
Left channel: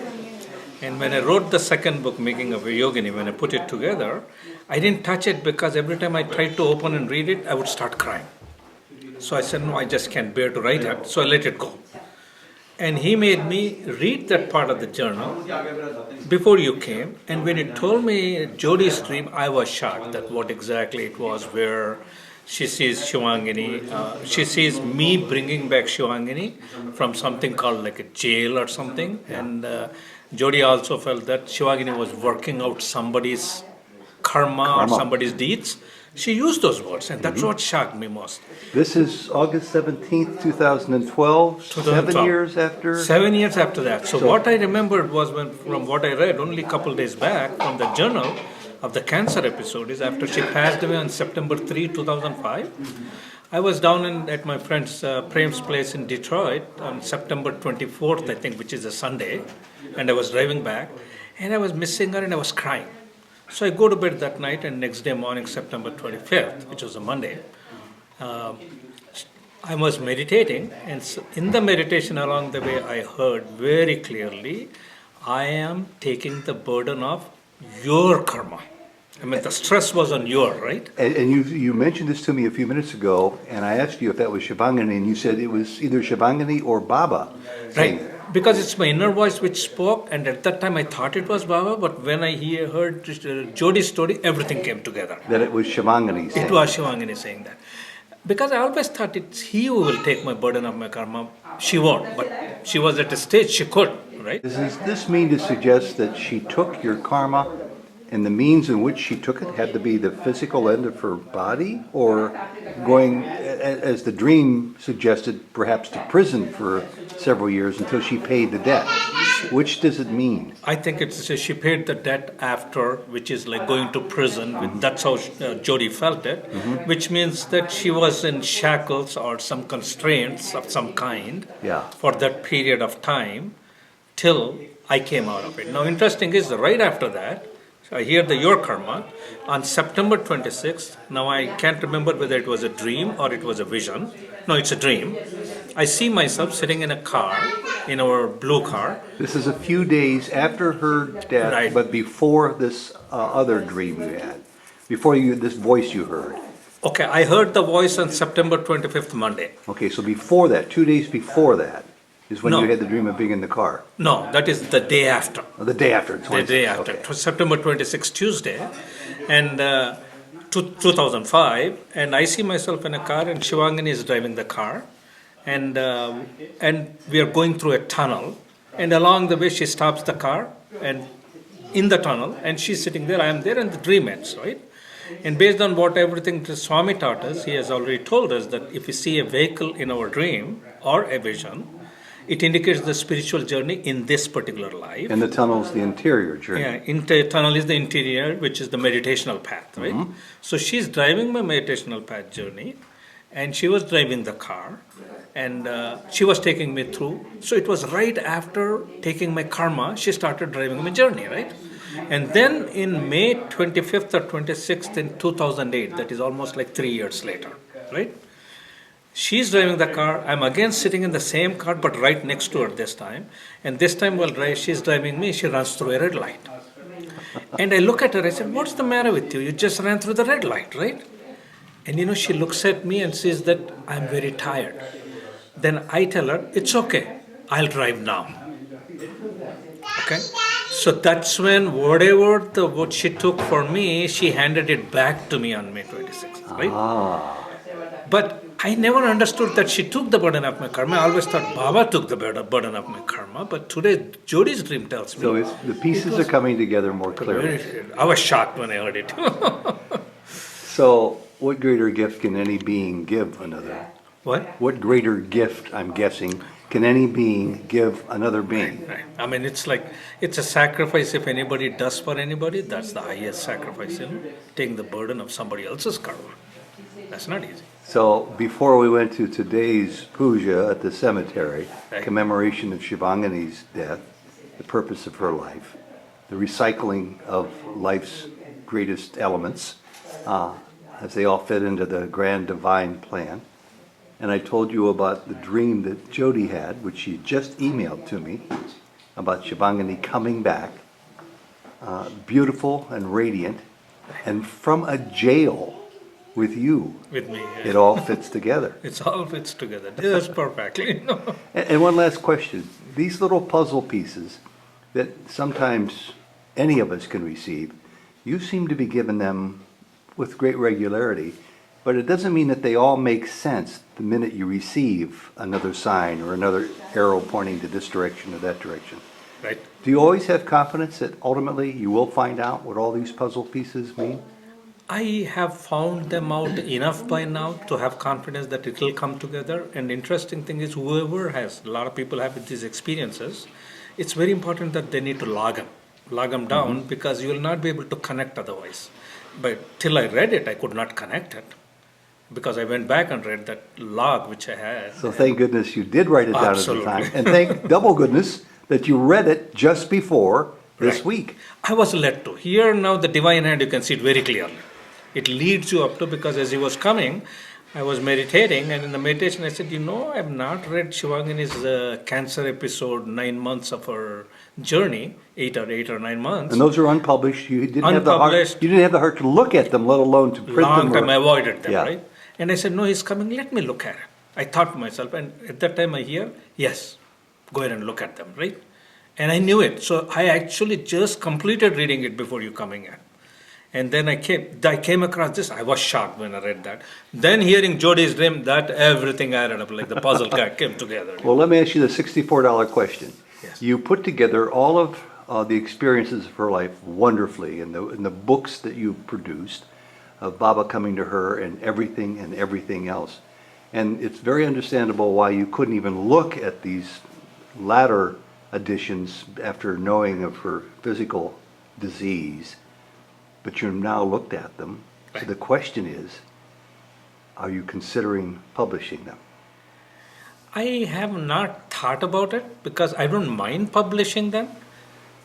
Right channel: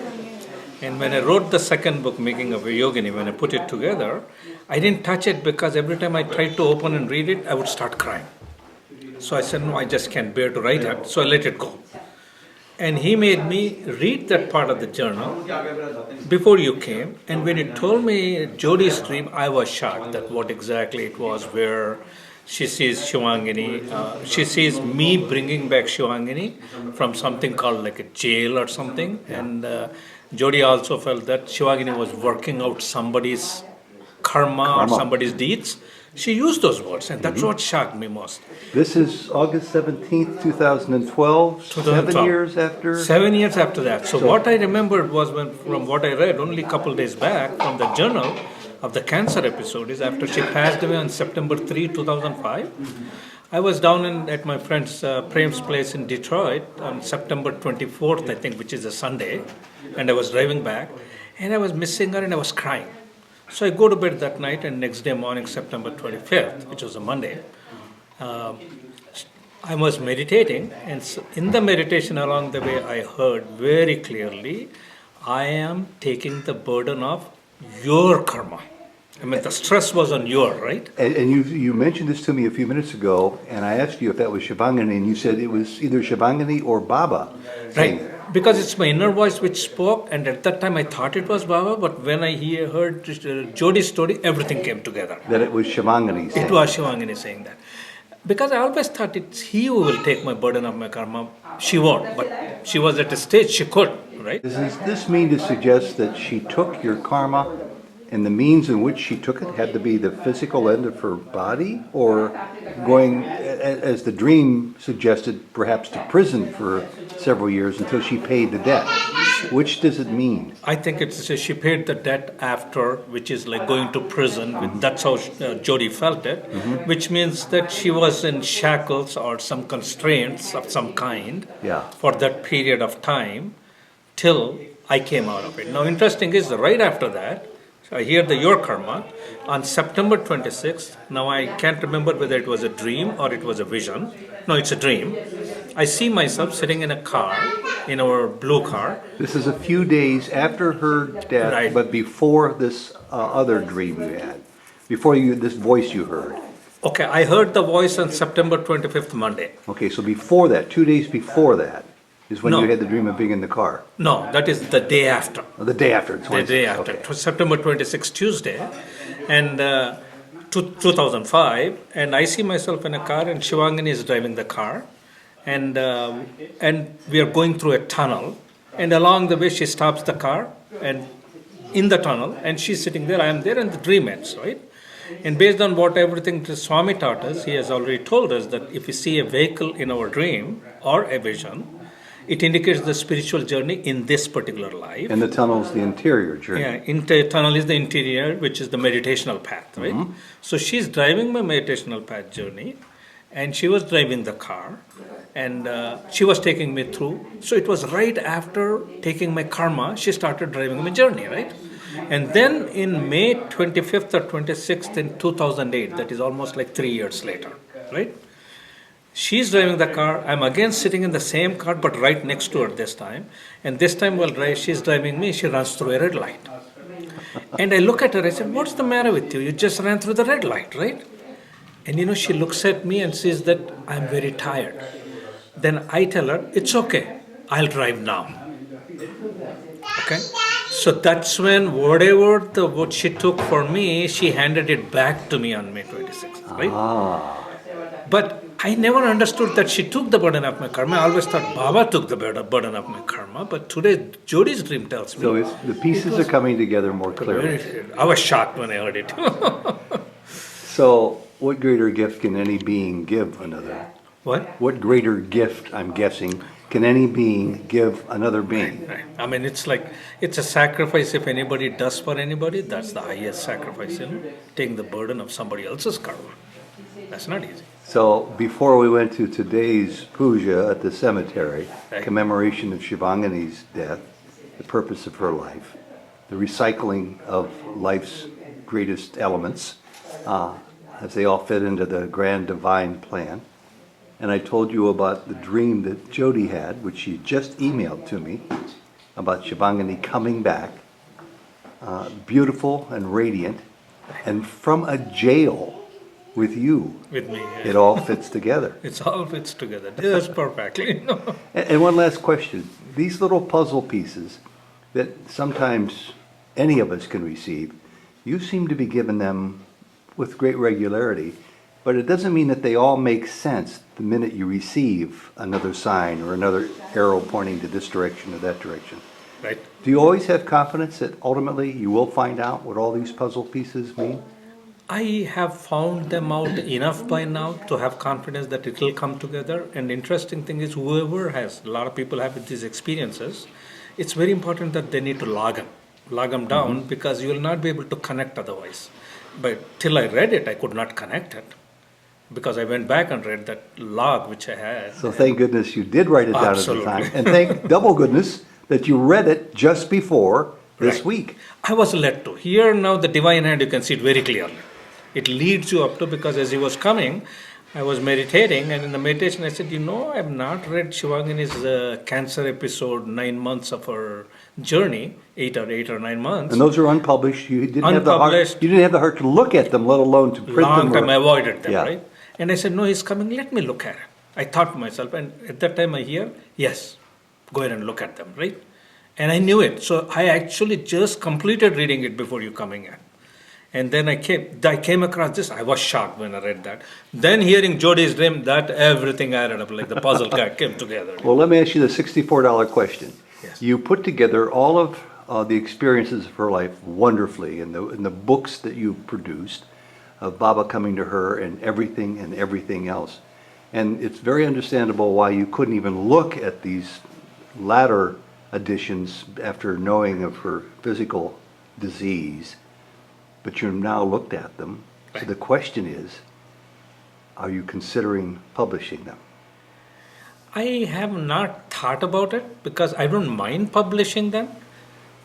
And when I wrote the second book, Making of a Yogini, when I put it together, I didn't touch it because every time I tried to open and read it, I would start crying. So I said, no, I just can't bear to write it. So I let it go. And he made me read that part of the journal before you came. And when he told me Jodi's dream, I was shocked that what exactly it was, where she sees Shivangini. She sees me bringing back Shivangini from something called like a jail or something. And Jodi also felt that Shivangini was working out somebody's karma or somebody's deeds. She used those words, and that's what shocked me most. This is August 17th, 2012, 7 years after? 7 years after that. So what I remembered was from what I read only a couple days back from the journal of the cancer episode is after she passed away on September 3, 2005. I was down at my friend's Prem's place in Detroit on September 24th, I think, which is a Sunday, and I was driving back, and I was missing her and I was crying. So I go to bed that night, and next day morning, September 25th, which was a Monday, I was meditating, and so in the meditation along the way, I heard very clearly, I am taking the burden of your karma. I mean, the stress was on your, right? And you mentioned this to me a few minutes ago, and I asked you if that was Shivangini, and you said it was either Shivangini or Baba. Right. Because it's my inner voice which spoke, and at that time I thought it was Baba, but when I heard Jodi's story, everything came together. That it was Shivangini saying. It was Shivangini saying that. Because I always thought it's he who will take my burden of my karma. She won't, but she was at a stage she could, right? Does this mean to suggest that she took your karma, and the means in which she took it had to be the physical end of her body, or going, as the dream suggested, perhaps to prison for several years until she paid the debt? Which does it mean? I think it's she paid the debt after, which is like going to prison. That's how Jodi felt it, which means that she was in shackles or some constraints of some kind for that period of time till I came out of it. Now, interesting is right after that, I hear the your karma on September 26th. Now I can't remember whether it was a dream or it was a vision. No, it's a dream. I see myself sitting in a car, in our blue car. This is a few days after her death, Right. but before this other dream you had, before this voice you heard. Okay, I heard the voice on September 25th, Monday. Okay, so before that, 2 days before that, is when No. you had the dream of being in the car. No, that is the day after. Oh, the day after. The day after. Okay. It was September 26th, Tuesday, and 2005. And I see myself in a car, and Shivangini is driving the car, and we are going through a tunnel. And along the way, she stops the car, and in the tunnel, and she's sitting there. I am there, and the dream ends, right? And based on what everything Swami taught us, he has already told us that if we see a vehicle in our dream or a vision, it indicates the spiritual journey in this particular life. And the tunnel is the interior journey. Yeah, tunnel is the interior, which is the meditational path, right? So she's driving my meditational path journey, and she was driving the car, and she was taking me through. So it was right after taking my karma, she started driving my journey, right? And then in May 25th or 26th in 2008, that is almost like 3 years later, right? She's driving the car. I'm again sitting in the same car, but right next to her this time. And this time while she's driving me, she runs through a red light. And I look at her, I said, what's the matter with you? You just ran through the red light, right? And she looks at me and says that I'm very tired. Then I tell her, it's okay, I'll drive now. Okay? So that's when what she took for me, she handed it back to me on May 26th, right? But I never understood that she took the burden of my karma. I always thought Baba took the burden of my karma. But today, Jodi's dream tells me. So the pieces are coming together more clearly. I was shocked when I heard it. So what greater gift can any being give another? What? What greater gift, I'm guessing, can any being give another being? Right. I mean, it's a sacrifice. If anybody does for anybody, that's the highest sacrifice, taking the burden of somebody else's karma. That's not easy. So before we went to today's puja at the cemetery, Right. commemoration of Shivangini's death, the purpose of her life, the recycling of life's greatest elements, as they all fit into the grand divine plan. And I told you about the dream that Jodi had, which she just emailed to me, about Shivangini coming back, beautiful and radiant, and from a jail with you. With me. It all fits together. It all fits together. Yes, perfectly. And one last question. These little puzzle pieces that sometimes any of us can receive, you seem to be given them with great regularity, but it doesn't mean that they all make sense the minute you receive another sign or another arrow pointing to this direction or that direction. Right. Do you always have confidence that ultimately you will find out what all these puzzle pieces mean? I have found them out enough by now to have confidence that it will come together. And the interesting thing is, whoever has, a lot of people have these experiences, it's very important that they need to log them down, because you will not be able to connect otherwise. But till I read it, I could not connect it, because I went back and read that log which I had. So thank goodness you did write it down Absolutely. at the time. And thank double goodness that you read it just before this Right. week. I was led to. Here now the divine hand, you can see it very clearly. It leads you up to, because as he was coming, I was meditating, and in the meditation, I said, I have not read Shivangini's cancer episode, 9 months of her journey, 8 or 9 months. And those are unpublished. You didn't have the heart. Unpublished. You didn't have the heart to look at them, let alone to print Long them. time I avoided them, Yeah. right? And I said, no, he's coming, let me look at it. I thought to myself, and at that time I hear, yes, go ahead and look at them, right? And I knew it. So I actually just completed reading it before you coming in. And then I came across this. I was shocked when I read that. Then hearing Jodi's dream, that everything added up, like the puzzle came together. Well, let me ask you the $64 question. Yes. You put together all of the experiences of her life wonderfully in the books that you produced of Baba coming to her and everything else. And it's very understandable why you couldn't even look at these latter editions after knowing of her physical disease, but you've now looked at them. So the question is, are you considering publishing them? I have not thought about it because I don't mind publishing them.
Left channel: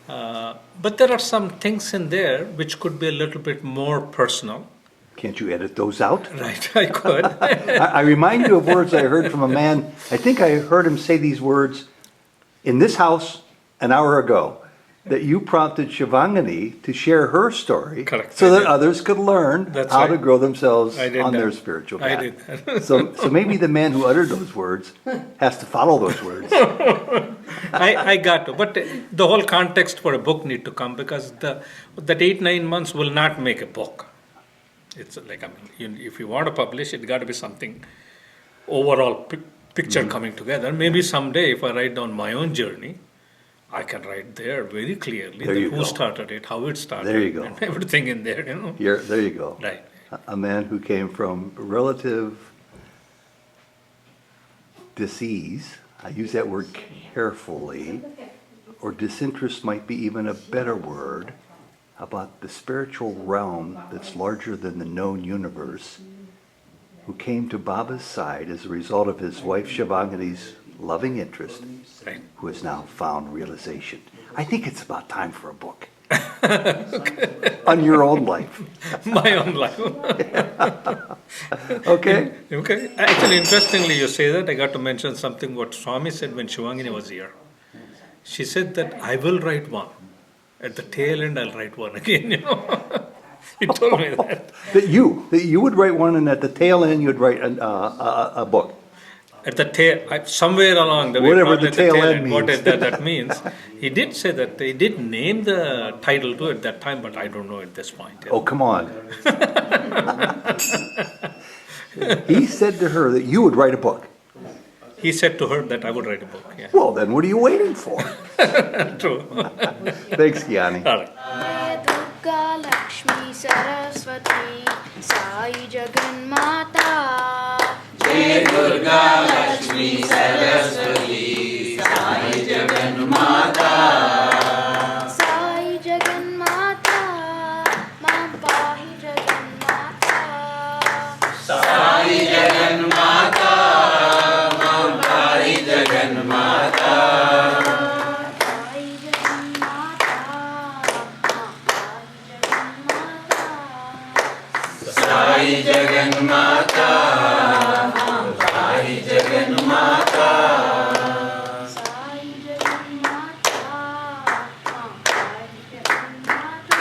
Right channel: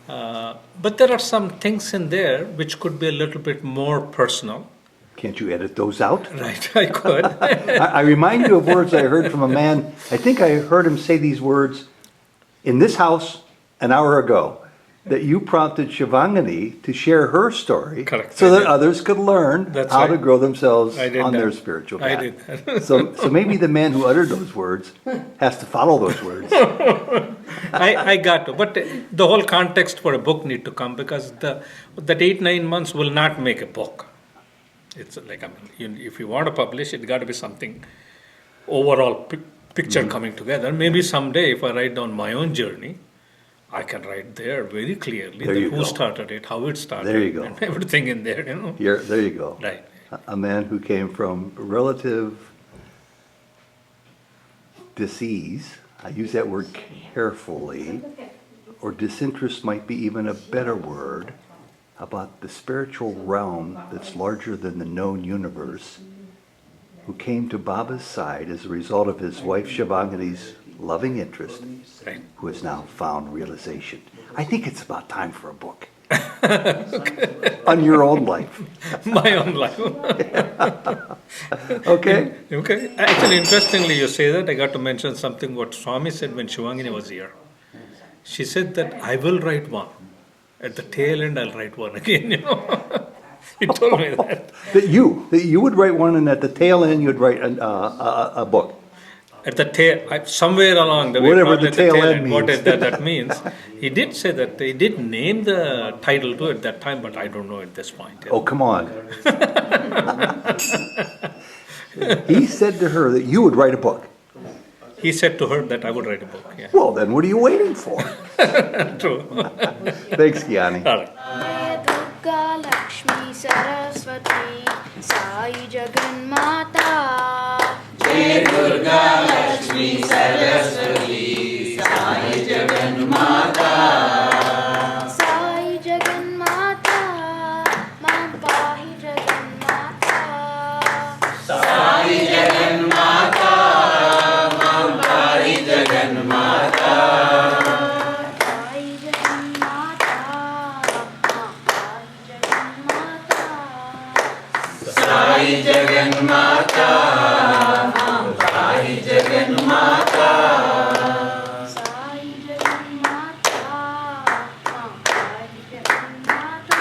But there are some things in there which could be a little bit more personal. Can't you edit those out? Right, I could. I remind you of words I heard from a man. I think I heard him say these words in this house an hour ago, that you prompted Shivangini to share her story. Correct. So I that did. others could learn That's how right. to grow themselves I did on that. their spiritual path. I did that. So maybe the man who uttered those words has to follow those words. I got to. But the whole context for a book need to come because that 8-9 months will not make a book. It's like, if you want to publish, it got to be something overall picture coming together. Maybe someday if I write down my own journey, I can write there very clearly There you who go. started it, how it started. There you go. And everything in there, There you go. Right. A man who came from relative disease, I use that word carefully, or disinterest might be even a better word, about the spiritual realm that's larger than the known universe, who came to Baba's side as a result of his wife Shivangini's loving interest, Right. who has now found realization. I think it's about time for a book. On your own life. My own life. Okay? Okay. Actually, interestingly, you say that. I got to mention something what Swami said when Shivangini was here. She said that I will write one. At the tail end, I'll write one again, He told me that. That you would write one, and at the tail end you'd write a book. At the tail, somewhere along the way, Whatever probably the at tail end what means. that means. He did say that he did name the title to it that time, but I don't know at this point. Oh, come on. He said to her that you would write a book. He said to her that I would write a book. Yeah, Well, then what are you waiting for? true. Thanks, Gyani. All right. जय दुर्गा लक्ष्मी सरस्वती साई जगन्माता जय दुर्गा लक्ष्मी सरस्वती साई जगन्माता साई जगन्माता मां पाहि जगन्माता साई जगन्माता मां पाहि जगन्माता साई जगन्माता साई जगन्माता साई जगन्माता साई जगन्माता साई जगन्माता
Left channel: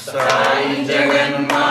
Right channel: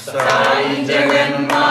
साई जगन्माता